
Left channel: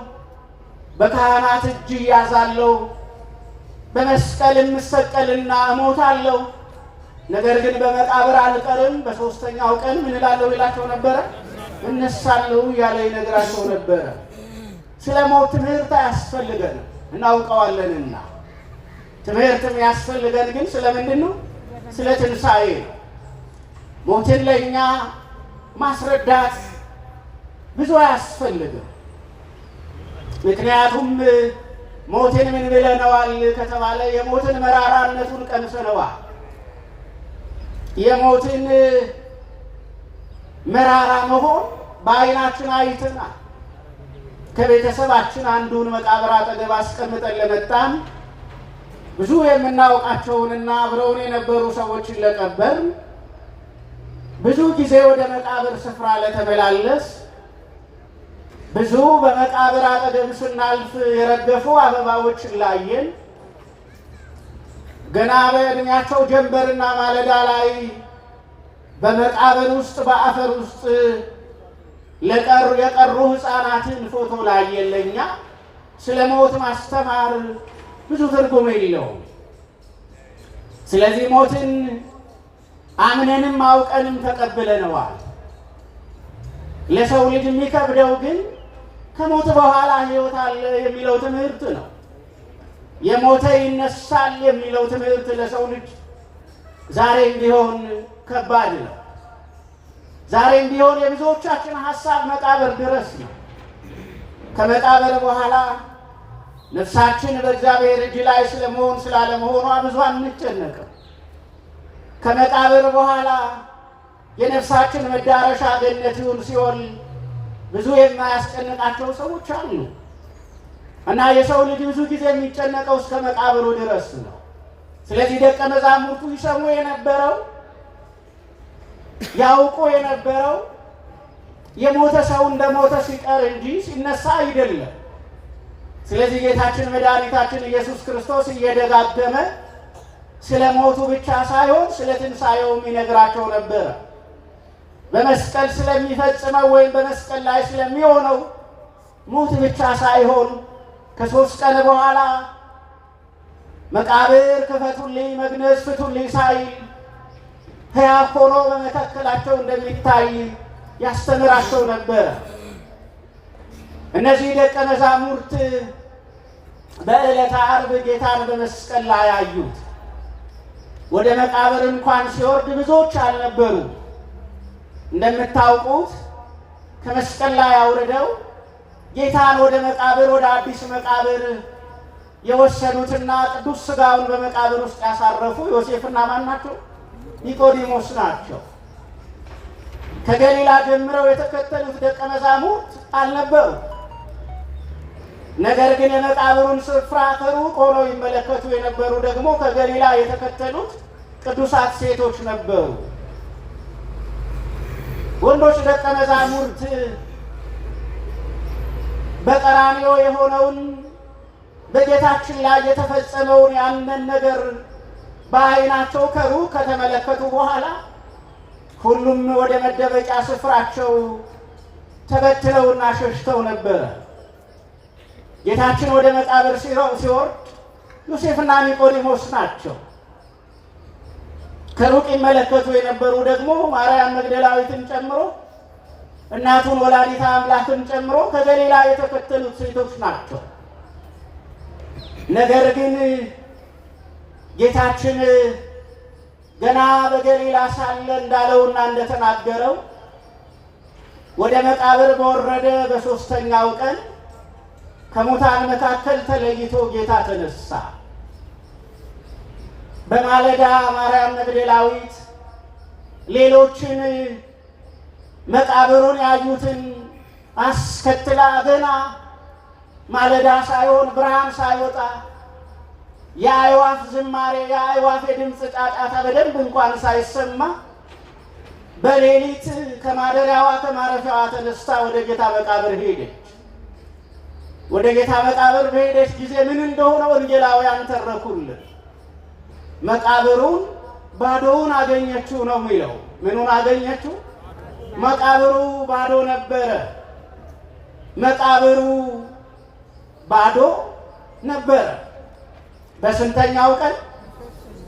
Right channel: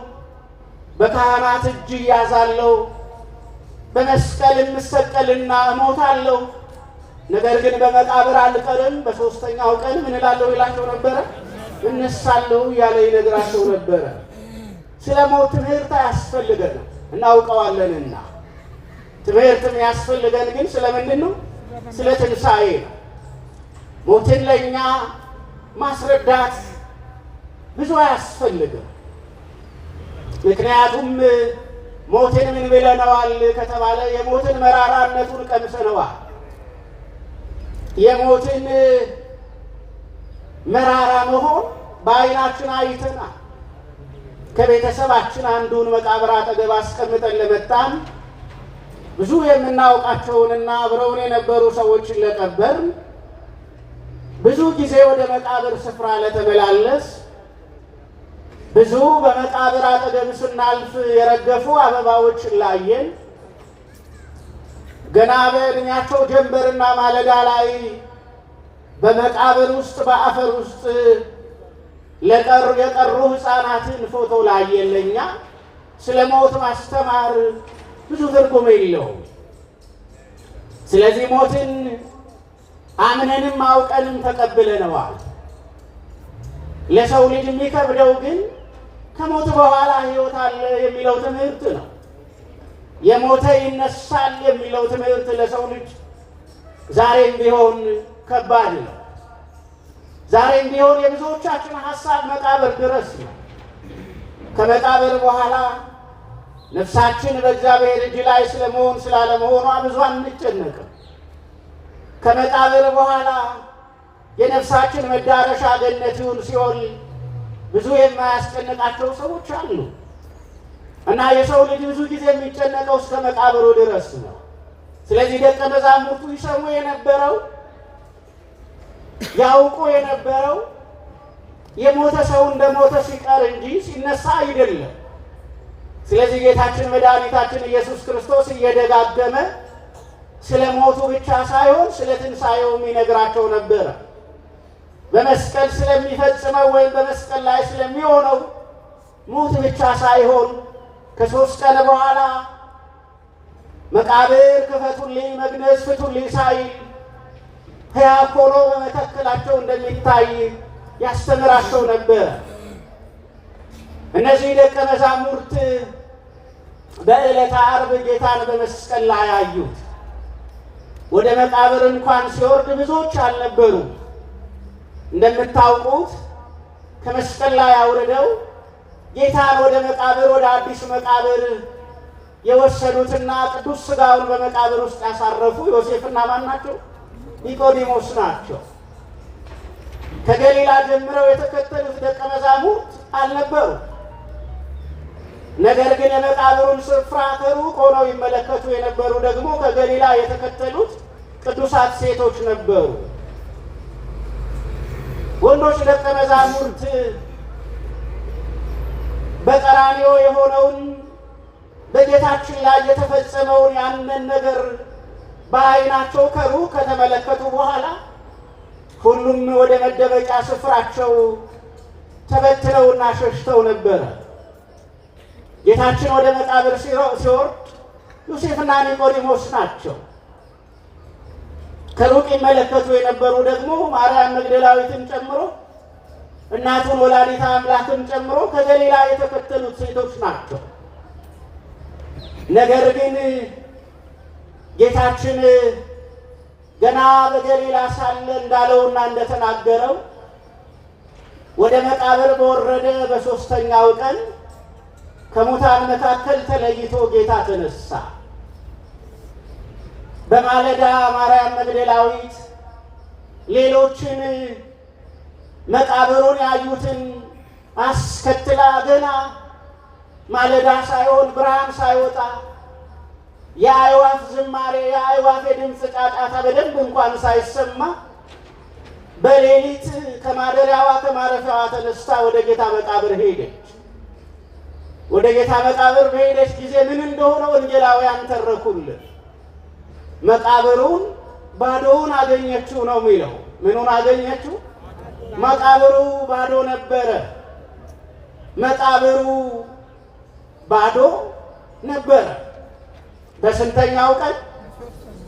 በካህናት እጅ እያዛለሁ፣ በመስቀል እሰቀልና እሞታለሁ፣ ነገር ግን በመቃብር አልቀርም፣ በሦስተኛው ቀን ምን እላለሁ ይላቸው ነበረ፣ እነሳለሁ እያለ ይነግራቸው ነበረ። ስለ ሞት ትምህርት አያስፈልገንም እናውቀዋለንና። ትምህርት የሚያስፈልገን ግን ስለምንድን ነው? ስለ ትንሣኤ ነው። ሞትን ለእኛ ማስረዳት ብዙ አያስፈልግም። ምክንያቱም ሞትን ምን ብለነዋል ከተባለ የሞትን መራራነቱን ቀምሰነዋል። የሞትን መራራ መሆን በዓይናችን አይተናል። ከቤተሰባችን አንዱን መቃብር አጠገብ አስቀምጠን ለመጣን ብዙ የምናውቃቸውንና አብረውን የነበሩ ሰዎችን ለቀበር ብዙ ጊዜ ወደ መቃብር ስፍራ ለተመላለስ ብዙ በመቃብር አጠገብ ስናልፍ የረገፉ አበባዎችን ላየን ገና በዕድሜያቸው ጀንበርና ማለዳ ላይ በመቃብር ውስጥ በአፈር ውስጥ የቀሩ ሕፃናትን ፎቶ ላየን ለእኛ ስለ ሞት ማስተማር ብዙ ትርጉም የለውም። ስለዚህ ሞትን አምነንም አውቀንም ተቀብለነዋል። ለሰው ልጅ የሚከብደው ግን ከሞት በኋላ ሕይወት አለ የሚለው ትምህርት ነው። የሞተ ይነሳል የሚለው ትምህርት ለሰው ልጅ ዛሬም ቢሆን ከባድ ነው። ዛሬም ቢሆን የብዙዎቻችን ሐሳብ መቃብር ድረስ ነው። ከመቃብር በኋላ ነፍሳችን በእግዚአብሔር እጅ ላይ ስለመሆን ስላለመሆኗ ብዙ አንጨነቅም። ከመቃብር በኋላ የነፍሳችን መዳረሻ ገነት ይሁን ሲሆን ብዙ የማያስጨንቃቸው ሰዎች አሉ እና የሰው ልጅ ብዙ ጊዜ የሚጨነቀው እስከ መቃብሩ ድረስ ነው። ስለዚህ ደቀ መዛሙርቱ ይሰሙ የነበረው ያውቁ የነበረው የሞተ ሰው እንደ ሞተ ሲቀር እንጂ ሲነሳ አይደለም። ስለዚህ ጌታችን መድኃኒታችን ኢየሱስ ክርስቶስ እየደጋገመ ስለ ሞቱ ብቻ ሳይሆን ስለ ትንሣኤውም ይነግራቸው ነበረ። በመስቀል ስለሚፈጽመው ወይም በመስቀል ላይ ስለሚሆነው ሞት ብቻ ሳይሆን ከ3 ቀን በኋላ መቃብር ክፈቱልኝ፣ መግነዝ ፍቱልኝ ሳይል ሕያው ሆኖ በመካከላቸው እንደሚታይ ያስተምራቸው ነበረ። እነዚህ ደቀ መዛሙርት በዕለተ ዓርብ ጌታን በመስቀል ላይ አዩት። ወደ መቃብር እንኳን ሲወርድ ብዙዎች አልነበሩ። እንደምታውቁት ከመስቀል ላይ አውርደው ጌታን ወደ መቃብር ወደ አዲስ መቃብር የወሰዱትና ቅዱስ ሥጋውን በመቃብር ውስጥ ያሳረፉ ዮሴፍና ማን ናቸው? ኒቆዲሞስ ናቸው። ከገሊላ ጀምረው የተከተሉት ደቀ መዛሙርት አልነበሩ። ነገር ግን የመቃብሩን ስፍራ ከሩቅ ሆነው ይመለከቱ የነበሩ ደግሞ ከገሊላ የተከተሉት ቅዱሳት ሴቶች ነበሩ። ወንዶች ደቀ መዛሙርት በቀራንዮ የሆነውን በጌታችን ላይ የተፈጸመውን ያንን ነገር በዓይናቸው ከሩቅ ከተመለከቱ በኋላ ሁሉም ወደ መደበቂያ ስፍራቸው ተበትለውና ሸሽተው ነበረ። ጌታችን ወደ መቃብር ሲወርድ ዮሴፍና ኒቆዲሞስ ናቸው። ከሩቅ ይመለከቱ የነበሩ ደግሞ ማርያም መግደላዊትን ጨምሮ እናቱን ወላዲተ አምላክን ጨምሮ ከገሊላ የተከተሉት ሴቶች ናቸው። ነገር ግን ጌታችን ገና በገሊላ ሳለ እንዳለውና እንደተናገረው ወደ መቃብር በወረደ በሦስተኛው ቀን ከሙታን መካከል ተለይቶ ጌታ ተነሳ። በማለዳ ማርያም መግደላዊት ሌሎችን መቃብሩን ያዩትን አስከትላ ገና ማለዳ ሳይሆን ብርሃን ሳይወጣ የአዕዋፍ ዝማሬ የአዕዋፍ የድምፅ ጫጫታ በደንብ እንኳን ሳይሰማ በሌሊት ከማደሪያዋ ከማረፊያዋ ተነስታ ወደ ጌታ መቃብር ሄደች። ወደ ጌታ መቃብር በሄደች ጊዜ ምን እንደሆነ ወንጌላውያን ተረኩልን። መቃብሩን ባዶውን አገኘችው ነው የሚለው። ምኑን አገኘችው? መቃብሩ ባዶ ነበረ። መቃብሩ ባዶ ነበረ። በስንተኛው ቀን?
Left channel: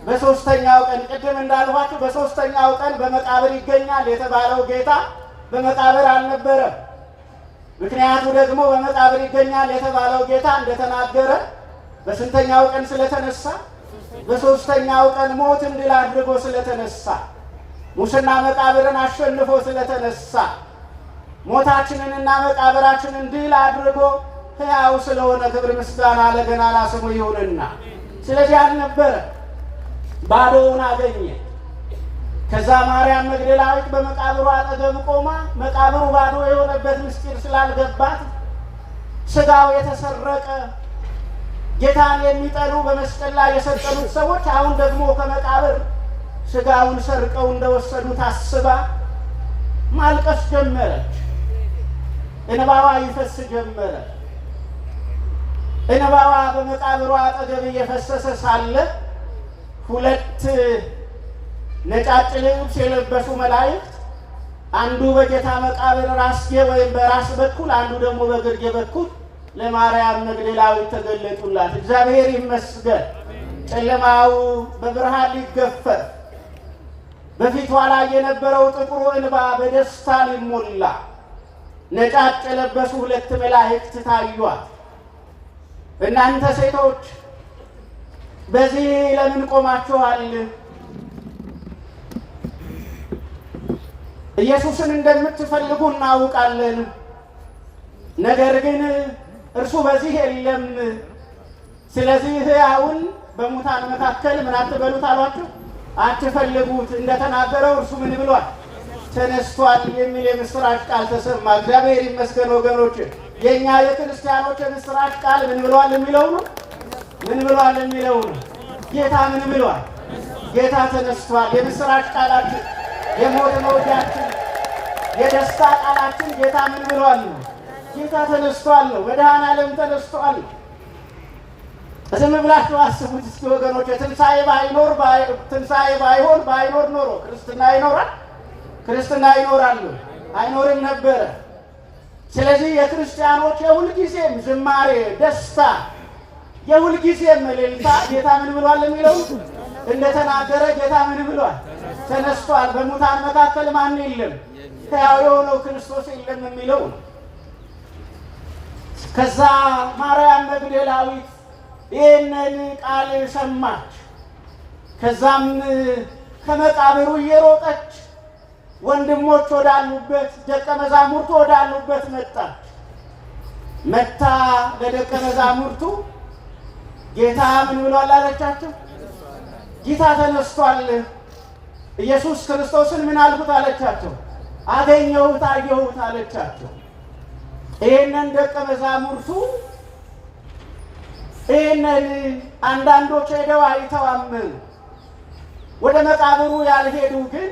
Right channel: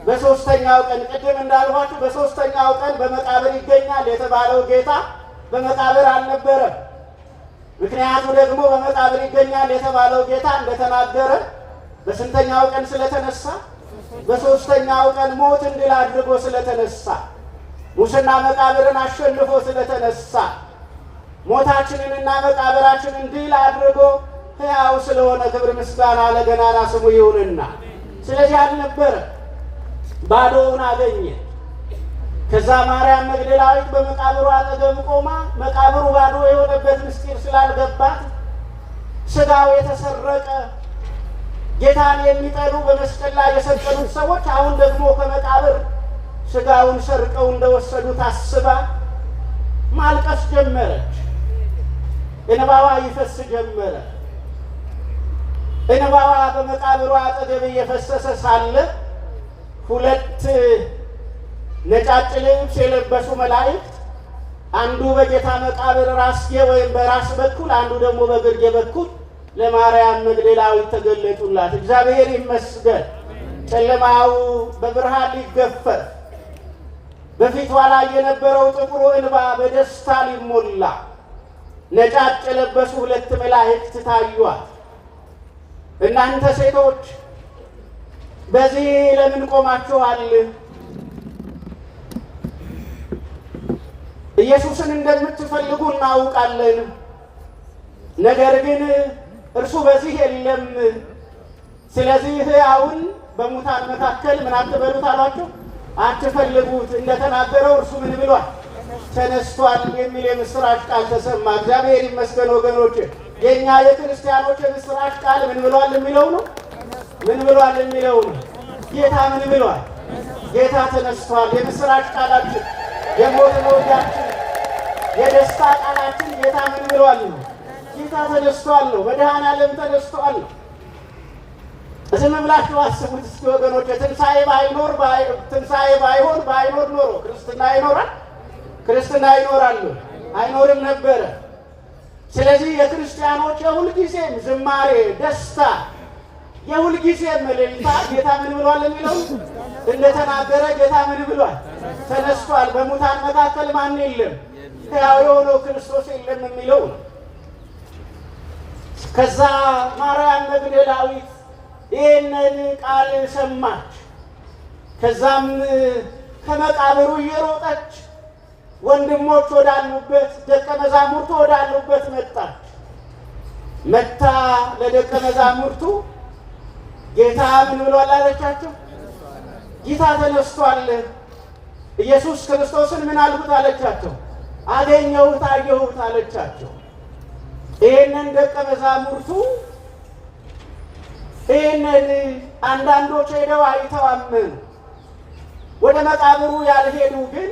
በሦስተኛው ቀን። ቅድም እንዳልኋችሁ በሦስተኛው ቀን በመቃብር ይገኛል የተባለው ጌታ በመቃብር አልነበረም። ምክንያቱ ደግሞ በመቃብር ይገኛል የተባለው ጌታ እንደተናገረ በስንተኛው ቀን ስለተነሳ? በሦስተኛው ቀን ሞትን ድል አድርጎ ስለተነሳ፣ ሙስና መቃብርን አሸንፎ ስለተነሳ፣ ሞታችንንና መቃብራችንን ድል አድርጎ ሕያው ስለሆነ ክብር ምስጋና ለገናና ስሙ ይሁንና፣ ስለዚህ አልነበረ፣ ባዶውን አገኘ። ከዛ ማርያም መግደላዊት በመቃብሩ አጠገብ ቆማ መቃብሩ ባዶ የሆነበት ምስጢር ስላልገባት ሥጋው የተሰረቀ ጌታን የሚጠሉ በመስቀል ላይ የሰቀሉት ሰዎች አሁን ደግሞ ከመቃብር ሥጋውን ሰርቀው እንደወሰዱት አስባ ማልቀስ ጀመረች። እንባዋ ይፈስ ጀመረ። እንባዋ በመቃብሩ አጠገብ እየፈሰሰ ሳለ ሁለት ነጫጭ ልብስ የለበሱ መላእክት አንዱ በጌታ መቃብር ራስጌ ወይም በራስ በኩል አንዱ ደግሞ በግርጌ በኩል ለማርያም መግደላዊት ተገለጡላት። እግዚአብሔር ይመስገን። ጨለማው በብርሃን ሊገፈፍ በፊቷ ላይ የነበረው ጥቁሩ እንባ በደስታ ሊሞላ ነጫጭ የለበሱ ሁለት መላእክት ታዩአት። እናንተ ሴቶች በዚህ ለምን ቆማችኋል? ኢየሱስን እንደምትፈልጉ እናውቃለን። ነገር ግን እርሱ በዚህ የለም። ስለዚህ ሕያውን በሙታን መካከል ምን አትበሉት አሏቸው፣ አትፈልጉት። እንደተናገረው እርሱ ምን ብሏል? ተነስቷል የሚል የምስራች ቃል ተሰማ። እግዚአብሔር ይመስገን ወገኖች። የእኛ የክርስቲያኖች የምስራች ቃል ምን ብሏል የሚለው ነው። ምን ብሏል የሚለው ነው። ጌታ ምን ብሏል? ጌታ ተነስቷል። የምስራች ቃላችን፣ የሞት መውጊያችን፣ የደስታ ቃላችን ጌታ ምን ብሏል? ጌታ ተነስቷል ነው። መድኃኔዓለም ተነስቷል። ዝም ብላችሁ አስቡት እስኪ ወገኖች። ትንሣኤ ባይሆን ባይኖር ኖሮ ክርስትና ይኖራል? ክርስትና ይኖራል? አይኖርም ነበረ። ስለዚህ የክርስቲያኖች የሁልጊዜም ዝማሬ፣ ደስታ፣ የሁልጊዜም እልልታ ጌታ ምን ብሏል የሚለው እንደተናገረ ጌታ ምን ብሏል? ተነስቷል። በሙታን መካከል ማን የለም? ሕያው የሆነው ክርስቶስ የለም የሚለው። ከዛ ማርያም መግደላዊት ይህንን ቃል ሰማች። ከዛም ከመቃብሩ እየሮጠች ወንድሞች ወዳሉበት ደቀ መዛሙርቱ ወዳሉበት መጣች። መታ ለደቀ መዛሙርቱ ጌታ ምን ብሏል አለቻቸው? ጌታ ተነስቷል። ኢየሱስ ክርስቶስን ምን አልኩት አለቻቸው? አገኘሁት፣ አየሁት አለቻቸው። ይህንን ደቀ መዛሙርቱ ይህንን አንዳንዶች ሄደው አይተው አመኑ። ወደ መቃብሩ ያልሄዱ ግን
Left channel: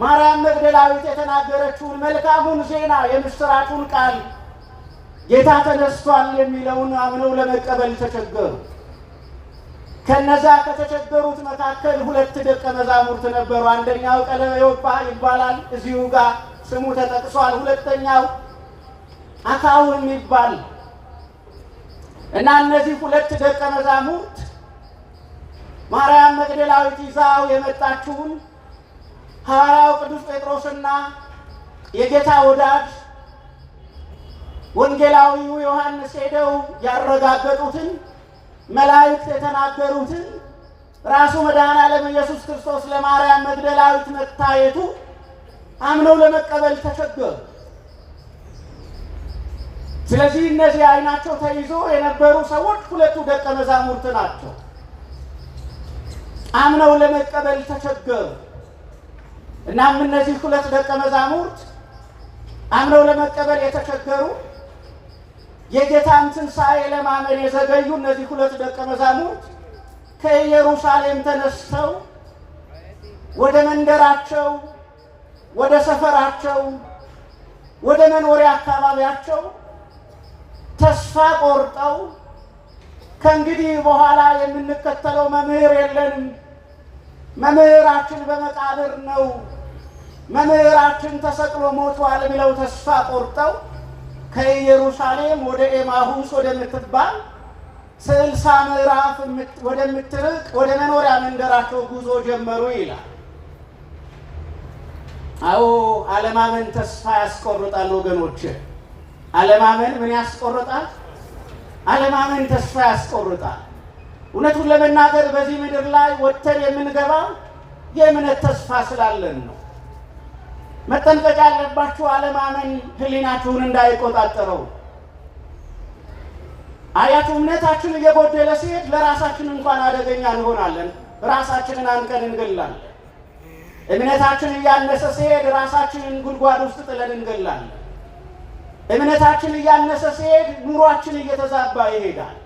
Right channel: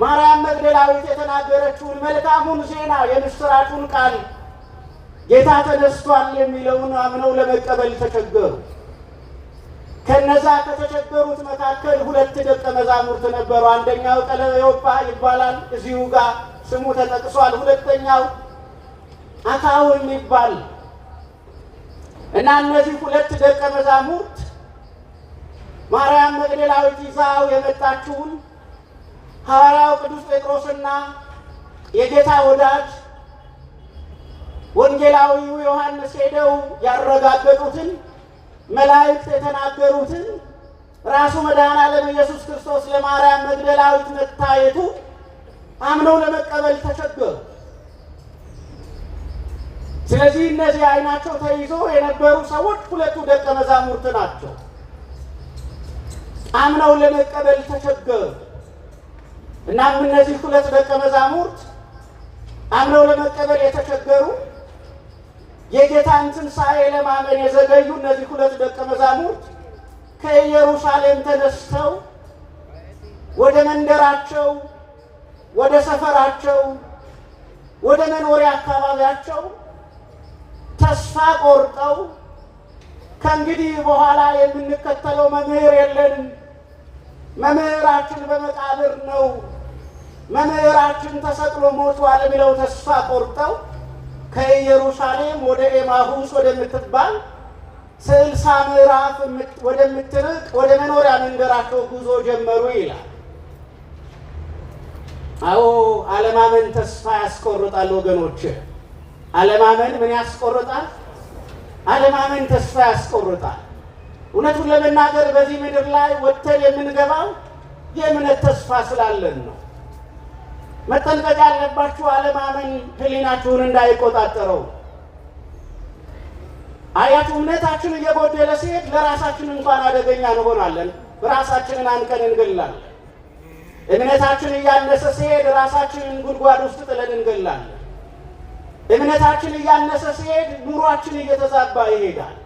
ማርያም መግደላዊት የተናገረችውን መልካሙን ዜና የምስራቹን ቃል ጌታ ተነስቷል የሚለውን አምነው ለመቀበል ተቸገሩ። ከነዛ ከተቸገሩት መካከል 2 ደቀ መዛሙርት ነበሩ። አንደኛው ቀለዮጳ ይባላል፣ እዚሁ ጋር ስሙ ተጠቅሷል። ሁለተኛው አካውን ይባል እና እነዚህ 2 ደቀ መዛሙርት ማርያም መግደላዊት ይዛው የመጣችውን ሐዋርያው ቅዱስ ጴጥሮስና የጌታ ወዳጅ ወንጌላዊው ዮሐንስ ሄደው ያረጋገጡትን መላእክት የተናገሩትን ራሱ መድኃኔዓለም ኢየሱስ ክርስቶስ ለማርያም መግደላዊት መታየቱ አምነው ለመቀበል ተቸገሩ። ስለዚህ እነዚህ ዓይናቸው ተይዞ የነበሩ ሰዎች 2 ደቀ መዛሙርት ናቸው። አምነው ለመቀበል ተቸገሩ። እናም እነዚህ 2 ደቀ መዛሙርት አምነው ለመቀበል የተቸገሩ የጌታን ትንሣኤ ለማመን የዘገዩ እነዚህ 2 ደቀ መዛሙርት ከኢየሩሳሌም ተነስተው ወደ መንደራቸው፣ ወደ ሰፈራቸው፣ ወደ መኖሪያ አካባቢያቸው ተስፋ ቆርጠው ከእንግዲህ በኋላ የምንከተለው መምህር የለንም፣ መምህራችን በመቃብር ነው፣ መምህራችን ተሰቅሎ ሞቷል ብለው ተስፋ ቆርጠው ከኢየሩሳሌም ወደ ኤማሁስ ወደምትባል 60 ምዕራፍ ወደምትርቅ ወደ መኖሪያ መንደራቸው ጉዞ ጀመሩ ይላል። አዎ አለማመን ተስፋ ያስቆርጣል ወገኖች። አለማመን ምን ያስቆርጣል? አለማመን ተስፋ ያስቆርጣል። እውነቱን ለመናገር በዚህ ምድር ላይ ወጥተን የምንገባው የእምነት ተስፋ ስላለን ነው። መጠንቀቅ ያለባችሁ አለማመን ሕሊናችሁን እንዳይቆጣጠረው። አያት እምነታችን እየጎደለ ሲሄድ ለራሳችን እንኳን አደገኛ እንሆናለን። ራሳችንን አንቀን እንገላለን። እምነታችን እያነሰ ሲሄድ ራሳችንን ጉድጓድ ውስጥ ጥለን እንገላለን። እምነታችን እያነሰ ሲሄድ ኑሯችን እየተዛባ ይሄዳል።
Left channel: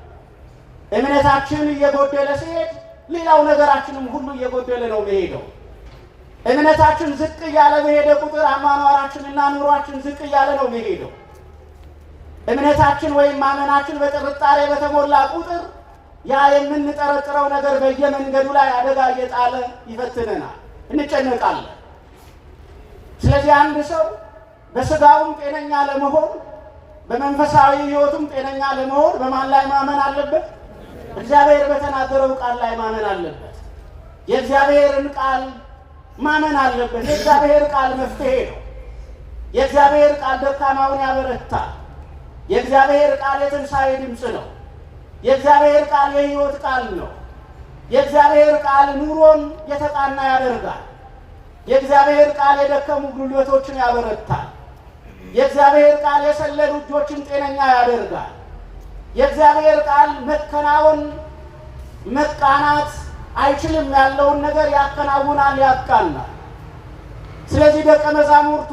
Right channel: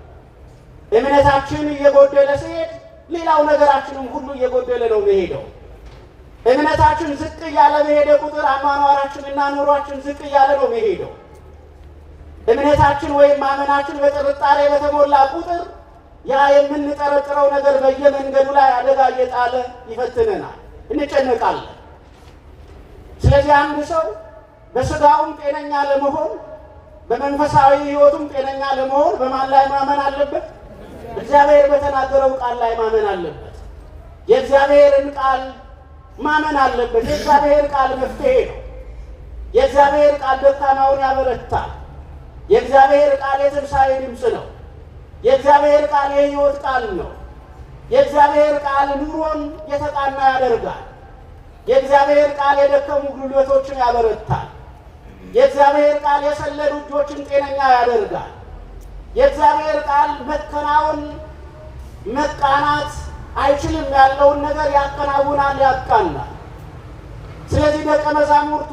እምነታችን እየጎደለ ሲሄድ ሌላው ነገራችንም ሁሉ እየጎደለ ነው የሚሄደው። እምነታችን ዝቅ እያለ በሄደ ቁጥር አኗኗራችንና ኑሯችን ዝቅ እያለ ነው የሚሄደው። እምነታችን ወይም ማመናችን በጥርጣሬ በተሞላ ቁጥር ያ የምንጠረጥረው ነገር በየመንገዱ ላይ አደጋ እየጣለ ይፈትነናል፣ እንጨነቃለን። ስለዚህ አንድ ሰው በስጋውም ጤነኛ ለመሆን በመንፈሳዊ ሕይወቱም ጤነኛ ለመሆን በማን ላይ ማመን አለበት? እግዚአብሔር በተናገረው ቃል ላይ ማመን አለበት። የእግዚአብሔርን ቃል ማመን አለበት። የእግዚአብሔር ቃል መፍትሄ ነው። የእግዚአብሔር ቃል ደካማውን ያበረታል። የእግዚአብሔር ቃል የትንሣኤ ድምፅ ነው። የእግዚአብሔር ቃል የሕይወት ቃል ነው። የእግዚአብሔር ቃል ኑሮን የተቃና ያደርጋል። የእግዚአብሔር ቃል የደከሙ ጉልበቶችን ያበረታል። የእግዚአብሔር ቃል የሰለሉ እጆችን ጤነኛ ያደርጋል። የእግዚአብሔር ቃል መከናወን መቃናት አይችልም ያለውን ነገር ያከናውናል፣ ያቃናል። ስለዚህ ደቀ መዛሙርቱ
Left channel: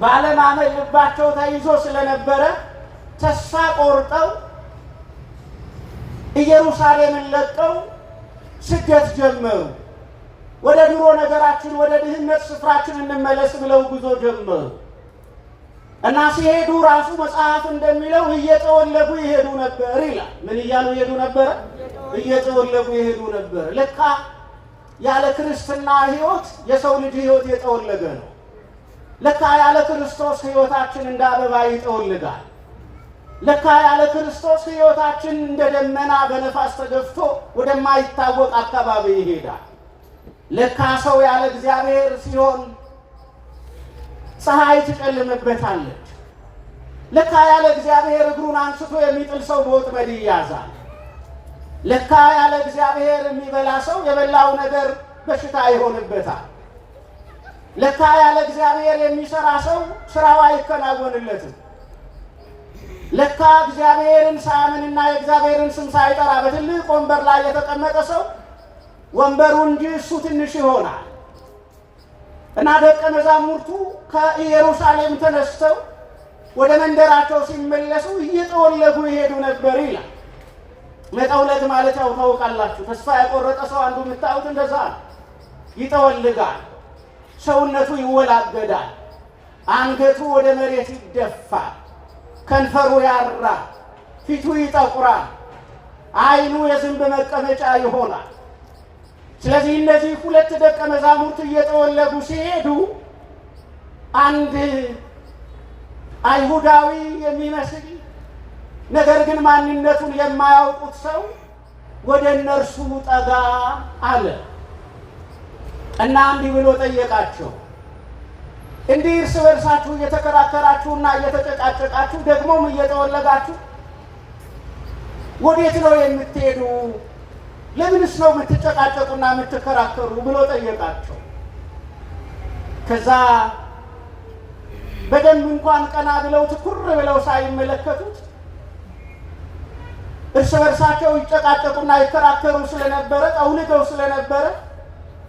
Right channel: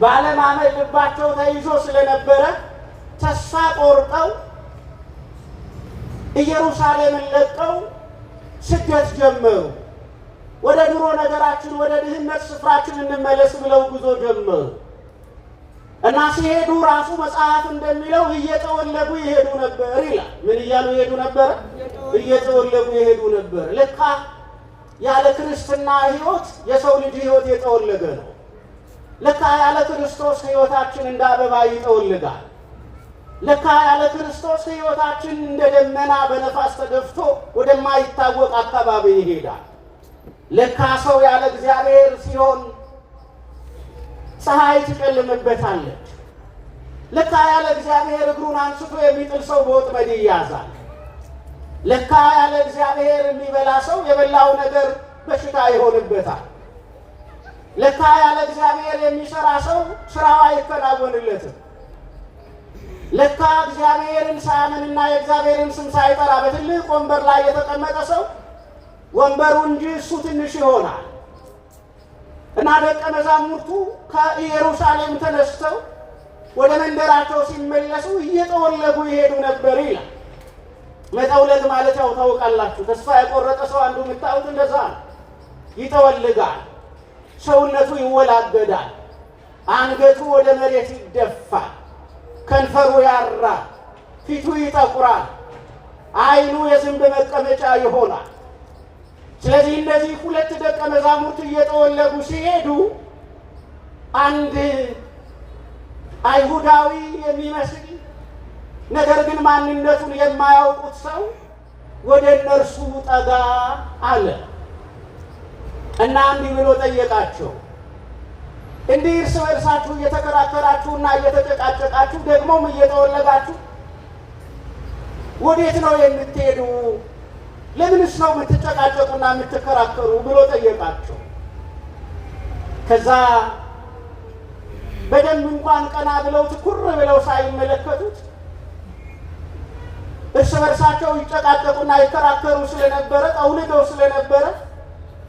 ባለማመን ልባቸው ተይዞ ስለነበረ ተስፋ ቆርጠው ኢየሩሳሌምን ለቀው ስደት ጀመሩ። ወደ ድሮ ነገራችን ወደ ድህነት ስፍራችን እንመለስ ብለው ጉዞ ጀመሩ እና ሲሄዱ ራሱ መጽሐፍ እንደሚለው እየጠወለጉ ይሄዱ ነበር ይላል። ምን እያሉ ይሄዱ ነበር? እየጠወለጉ ይሄዱ ነበር። ለካ ያለ ክርስትና ሕይወት የሰው ልጅ ሕይወት የጠወለገ ነው። ለካ ያለ ክርስቶስ ሕይወታችን እንደ አበባ ይጠወልጋል። ለካ ያለ ክርስቶስ ሕይወታችን እንደ ደመና በነፋስ ተገፍቶ ወደማይታወቅ አካባቢ ይሄዳል። ለካ ሰው ያለ እግዚአብሔር ሲሆን ፀሐይ ትጨልምበታለች። ለካ ያለ እግዚአብሔር እግሩን አንስቶ የሚጥል ሰው በወጥመድ ይያዛል። ለካ ያለ እግዚአብሔር የሚበላ ሰው የበላው ነገር በሽታ ይሆንበታል። ለካ ያለ እግዚአብሔር የሚሰራ ሰው ስራው አይከናወንለትም። ለካ እግዚአብሔርን ሳያምንና የእግዚአብሔርን ስም ሳይጠራ በትልቅ ወንበር ላይ የተቀመጠ ሰው ወንበሩ እንጂ እሱ ትንሽ ይሆናል። እና ደቀ መዛሙርቱ ከኢየሩሳሌም ተነስተው ወደ መንደራቸው ሲመለሱ እየጠወለጉ ይሄዱ ነበር ይላል። መጠውለግ ማለት ያው ታውቃላችሁ፣ ተስፋ የቆረጠ ሰው አንዱ የምታዩት እንደዛ ይጠወልጋል። ሰውነቱ ይወላገዳል፣ አንገቱ ወደ መሬት ይደፋል፣ ከንፈሩ ያራል፣ ፊቱ ይጠቁራል፣ ዓይኑ የዝንብ መቀመጫ ይሆናል። ስለዚህ እነዚህ ሁለት ደቀ መዛሙርት እየጠወለጉ ሲሄዱ አንድ አይሁዳዊ የሚመስል ነገር ግን ማንነቱን የማያውቁት ሰው ወደ እነርሱ ጠጋ አለ እና እንዲህ ብሎ ጠየቃቸው። እንዲህ እርስ በርሳችሁ እየተከራከራችሁና እየተጨቃጨቃችሁ ደግሞም እየጠወለጋችሁ ወዴት ነው የምትሄዱ? ለምንስ ነው የምትጨቃጨቁና የምትከራከሩ ብሎ ጠየቃቸው። ከዛ በደንብ እንኳን ቀና ብለው ትኩር ብለው ሳይመለከቱት እርስ በርሳቸው ይጨቃጨቁና ይከራከሩ ስለነበረ ጠውልገው ስለነበረ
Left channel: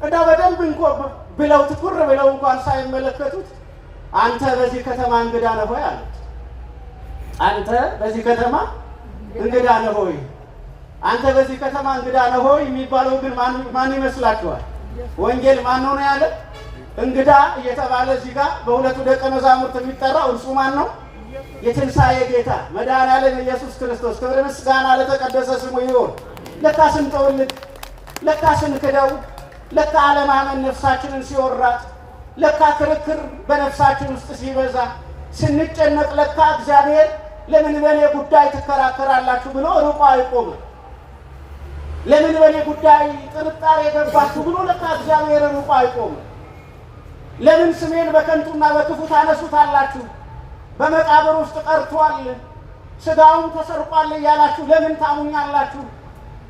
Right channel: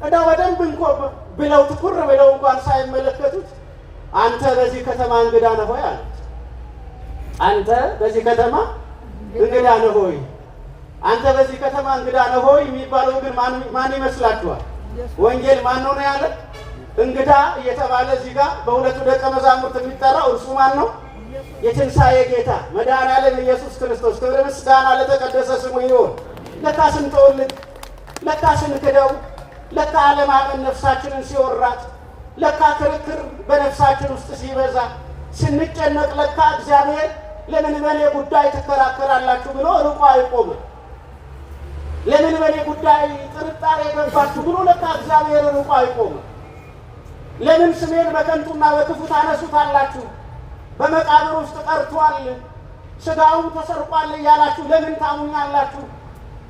እና በደንብ እንኳን ብለው ትኩር ብለው እንኳን ሳይመለከቱት አንተ በዚህ ከተማ እንግዳ ነህ ሆይ አሉት። አንተ በዚህ ከተማ እንግዳ ነህ ሆይ፣ አንተ በዚህ ከተማ እንግዳ ነህ ሆይ የሚባለው ግን ማን ይመስላችኋል? ወንጌል ማን ነው ያለ? እንግዳ እየተባለ እዚህ ጋር በሁለቱ ደቀ መዛሙርት የሚጠራው እርሱ ማን ነው? የትንሣኤ ጌታ መድኃኔዓለም ኢየሱስ ክርስቶስ። ክብር ምስጋና ለተቀደሰ ስሙ ይሁን። ለካ ስንጠወልግ፣ ለካ ስንክደው፣ ለካ አለማመን ነፍሳችንን ሲወራት፣ ለካ ክርክር በነፍሳችን ውስጥ ሲበዛ ስንጨነቅ፣ ለካ እግዚአብሔር ለምን በእኔ ጉዳይ ትከራከራላችሁ ብሎ ርቆ አይቆምም። ለምን በእኔ ጉዳይ ጥርጣሬ ገባችሁ ብሎ ለካ እግዚአብሔር ርቆ አይቆምም። ለምን ስሜን በከንቱና በክፉ ታነሱታላችሁ? በመቃብር ውስጥ ቀርቷል፣ ሥጋውም ተሰርቋል እያላችሁ ለምን ታሙኛላችሁ?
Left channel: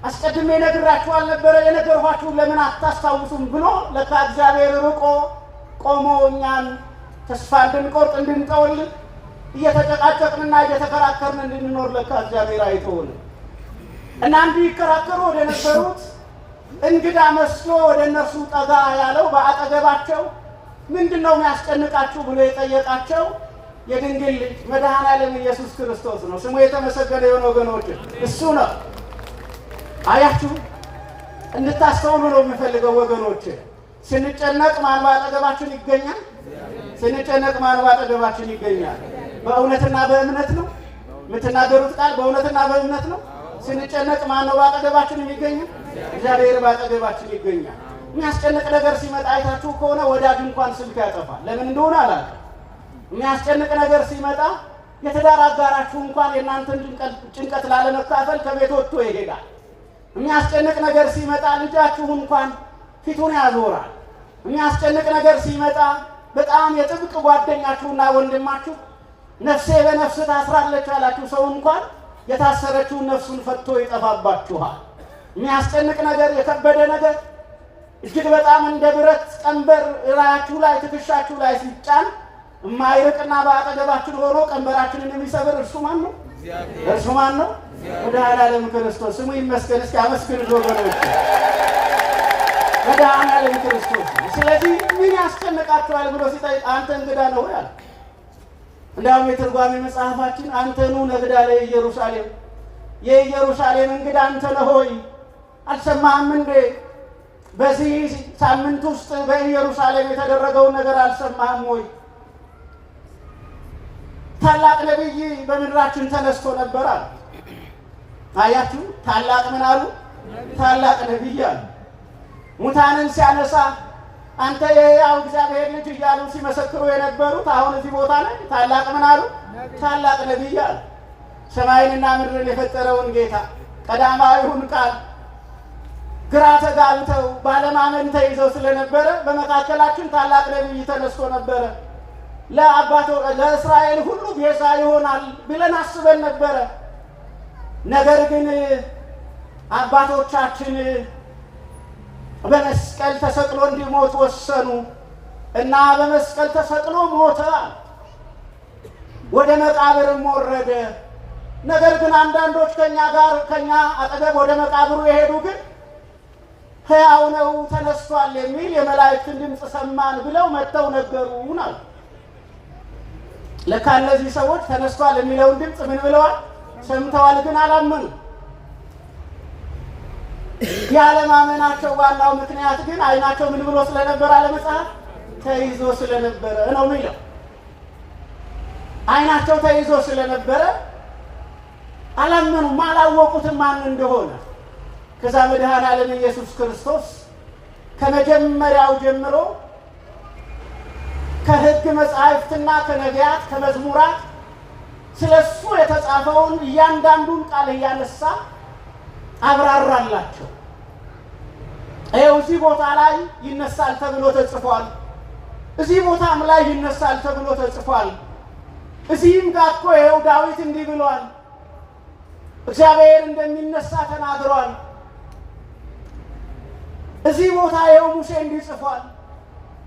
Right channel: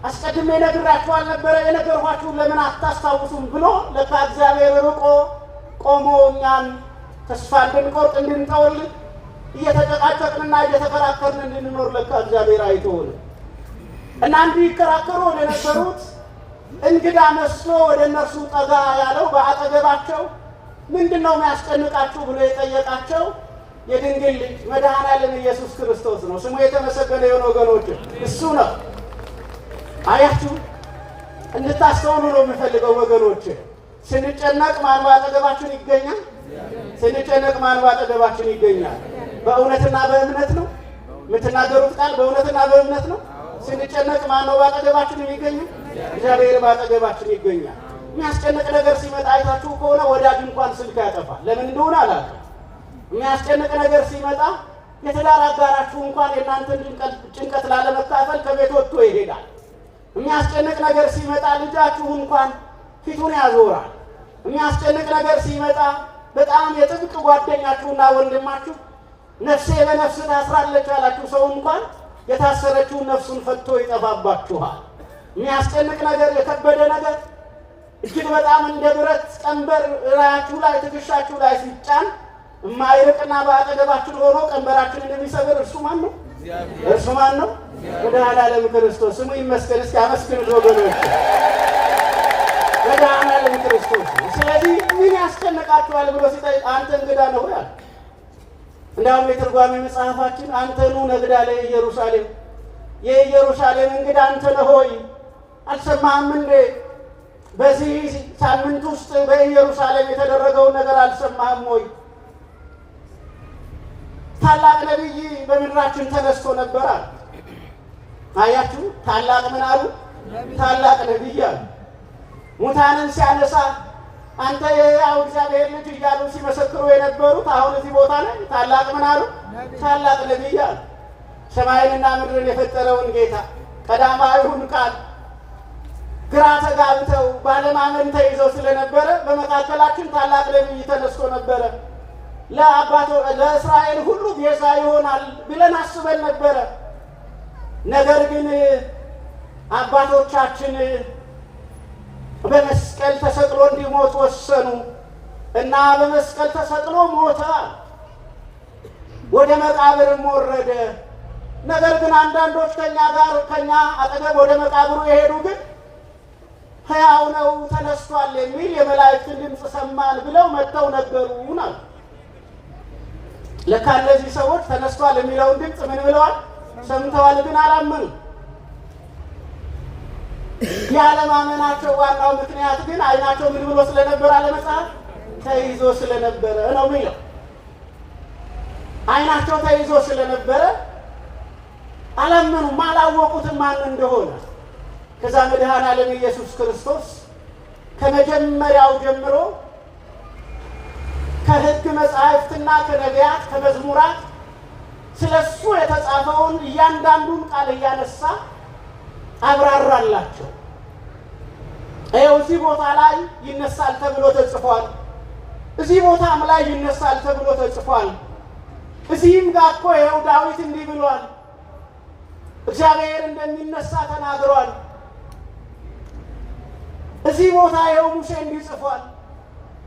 አስቀድሜ ነግራችሁ አልነበረ? የነገርኳችሁ ለምን አታስታውሱም? ብሎ ለካ እግዚአብሔር ርቆ ቆሞ እኛን ተስፋ እንድንቆርጥ እንድንጠወልግ እየተጨቃጨቅንና እየተከራከርን እንድንኖር ለካ እግዚአብሔር አይተውን እና እንዲከራከሩ ወደ ነበሩት እንግዳ መስሎ ወደ እነርሱ ጠጋ ያለው በአጠገባቸው ምንድን ነው የሚያስጨንቃችሁ ብሎ የጠየቃቸው የድንግል ልጅ መድኃኔዓለም ኢየሱስ ክርስቶስ ነው። ስሙ የተመሰገነ የሆነ ወገኖች እሱ ነው። አያችሁ፣ እንድታስተውሉ ነው የምፈልገው ወገኖች። ስንጨነቅ ማን ባጠገባችን ይገኛል? ስንጨነቅ ማን ባጠገባችን ይገኛል? በእውነትና በእምነት ነው የምትናገሩት ቃል፣ በእውነትና በእምነት ነው። ስንጨነቅ ማን ነው ባጠገባችን የሚገኘው? እግዚአብሔር ባጠገባችን ይገኛል። የሚያስጨንቅ ነገር ሲመጣ አይታችሁ ከሆነ ወዳጅ እንኳን ስልክ ያጠፋል። ለምን እንደሆነ አላውቅም። የሚያስጨንቅ ነገር ሲመጣ የትዳር አጋራችሁ እንኳን የእናንተን ጭንቀት ላለመካፈል ከቤት ወጥቶ ይሄዳል። የሚያስጨንቅ ነገር ሲመጣ ልጃችሁ እንኳን ፊቱን ያዞራል። የሚያስጨንቅ ነገር ሲመጣ በጣም የጥብቅ ጓደኛችሁና ወንድማችሁ ነፍሴ በነፍስ ታስራለች ያላችሁ ሰው እንኳን የታሰረችውን ነፍሱን ፈቶ ይጠፋባችኋል። የሚያስጨንቅ ነገር፣ የከበደ ነገር እጅግ በጣም እንደ ብረት ቀንበር እላያችሁ ላይ ትከሻችሁ ላይ ሲጫን የማይርቅና በአጠገባችን ሆኖ ቀንበራችንን የሚሰብር እርሱ ማን ነው? እርሱ ማን ነው? መድኃኔዓለም ክርስቶስ። ስሙ ይመስገን። እስኪ አመስግኑት ወገኖች፣ መድኃኔዓለም ክርስቶስ። ስለዚህ ምን ያስጨንቃችኋል ብሎ ሲጠይቅ አንተ እንግዳ ነህ ሆይ አለ። እንዲያውም የትርጓሜ መጽሐፋችን አንተኑ ነግዳ ለኢየሩሳሌም፣ የኢየሩሳሌም እንግዳ አንተ ነህ ሆይ አልሰማህም እንዴ? በዚህ ሳምንት ውስጥ በኢየሩሳሌም የተደረገውን ነገር አልሰማህም ወይ? ታላቅ ነቢይ በምድራችን ተነስቶ ነበር አሉ። አያችሁ፣ ታላቅ ምን አሉ? ታላቅ ነቢይ አሉ። ሙታንን ሲያነሳ አንተ የሕያው እግዚአብሔር ልጅ እያሉ ሲመሰክሩ የነበሩት አሁን እዚህ ቦታ ላይ ታላቅ ምን አሉ? ታላቅ ነቢይ አሉ። ሰማይንና ምድርን የፈጠረውን ጌታ ቀዳማዊውን ቃል ግራ ተጋብተው ባለማመን ተይዘው ስለነበረ በመካከላችን ታላቅ ነቢይ ተነስቶ ነበረ። ለእስራኤል ሁሉ ቤዛ ይሆናል ብለን አስበን ነበረ። ነገር ግን አባቶቻችን በመስቀል ተሰቅሎ እንዲሞት ወሰኑ እና በመስቀል ተሰቅሎ ሞተ፣ ወደ መቃብርም ወረደ። ነገር ግን አንዳንዶች ከኛ አጠገብ ወደ መቃብሩ የሄዱ ግን ሕያው ነው ተነስቷል የሚል የመላእክትን ድምፅ ሰማን ብለው መጥተው ነገሩን አሉ። ለካ እነዚህ ሰዎች ተነስቷል የሚለውን ድምፅ ምን ብለዋል? ሰምተዋል፣ ግን አላመኑ። ያለማመናቸው ዋናው ምክንያት ግን ዓይናቸው ምን ብሎ ስለነበረ አለ መጽሐፍ ተይዞ ስለነበረ ነው የሚለው። ዓይናቸው ተይዞ ስለነበረ አላመኑም፣ አላወቁትም ማን እንደሆነ። ከዛ መድኃኔዓለም ኢየሱስ ክርስቶስ ከመጀመሪያው ጀምሮ ከሕግ መጻሕፍትና ከነቢያት ከመዝሙራት ስለሱ የተጻፈውን እያንዳንዱን ቃል እያነሳ አብራራላቸው። ይኸው እዚህ ቦታ ላይ ይነሳል ተብሎ ተጽፏል፣ እዚህ ቦታም ላይ ይነሳል ተብሎ ተጽፏል። እዚህም ጋር እኮ ይኸው ዳዊት እንዲህ ብሏል፣ እግዚአብሔር እንደሚነሳ ተናግሯል። እዚህ ቦታ ይኸው ሙሴ እንዲህ ጽፏል፣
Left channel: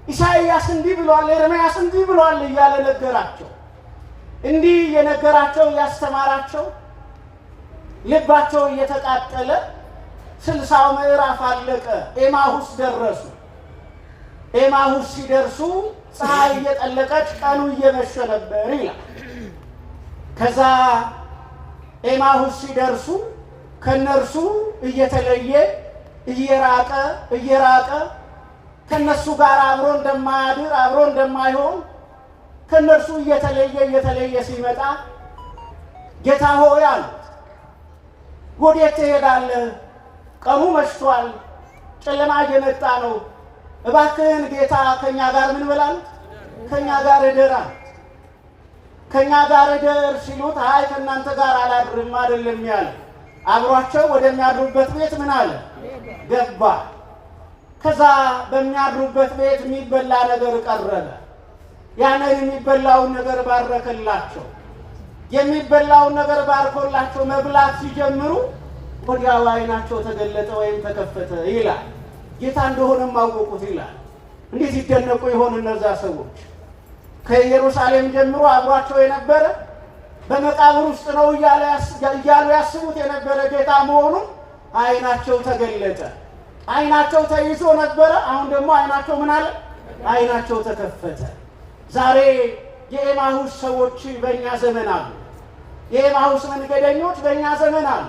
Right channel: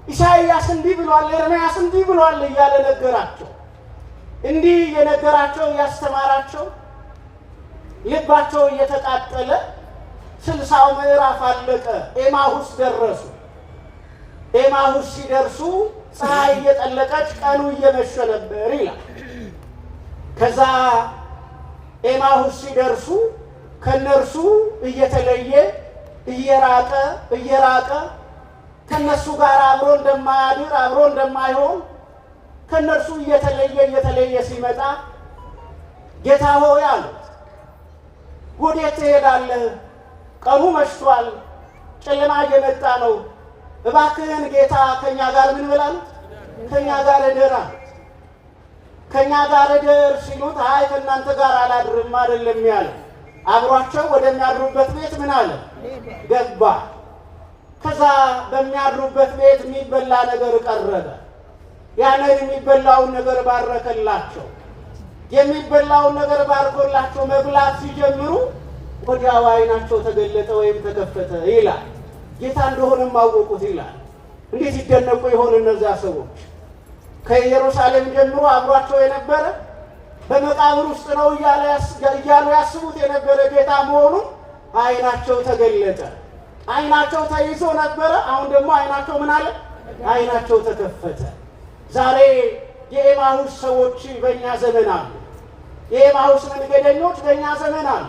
ኢሳይያስ እንዲህ ብሏል፣ ኤርምያስ እንዲህ ብሏል እያለ ነገራቸው። እንዲህ የነገራቸው እያስተማራቸው ልባቸው እየተቃጠለ 60 ምዕራፍ አለቀ። ኤማሁስ ደረሱ። ኤማሁስ ሲደርሱ ፀሐይ እየጠለቀች ቀኑ እየመሸ ነበር ይላል። ከዛ ኤማሁስ ሲደርሱ ከነርሱ እየተለየ እየራቀ ከነሱ ጋር አብሮ እንደማያድር አብሮ እንደማይሆን ከነርሱ እየተለየ ሲመጣ ጌታ ሆይ አሉት፣ ወዴት ትሄዳለህ? ቀኑ መሽቷል፣ ጨለማ እየመጣ ነው። እባክህን ጌታ ከኛ ጋር ምን በላል? ከኛ ጋር እደር አሉት። ከኛ ጋር እደር ሲሉት አይ ከእናንተ ጋር አላድርም አይደለም ያለ። አብሯቸው ወደሚያድሩበት ቤት ምን አለ? ገባ። ከዛ በሚያድሩበት ቤት የሚበላ ነገር ቀረበ። ያንን የሚበላውን ነገር ባረከላቸው። የሚበላውን ነገር ባርኮላቸው መብላት ሲጀምሩ ወዲያው ዓይናቸው ተገለጠ ወይም ተከፈተ ይላል። ጌታ እንደሆነም አወቁት ይላል። እንዴት ይደነቁ ይሆን እነዚያ ሰዎች! ከኢየሩሳሌም ጀምሮ አብሯቸው የነበረ በመቃብር ውስጥ ነው እያሉ ያስቡት የነበረ ጌታ መሆኑን ዓይናቸው ተገለጠ። ዓይናቸው ተይዞ ነበረ። አሁን ደግሞ ዓይናቸው ምን አለ? ዓይናቸው ተከፈተ። ዛሬ የኤማሁስ ሰዎች በእኛ ዘመን አሉ። የኤማሁስ መንገደኞች በእኛ ዘመን አሉ።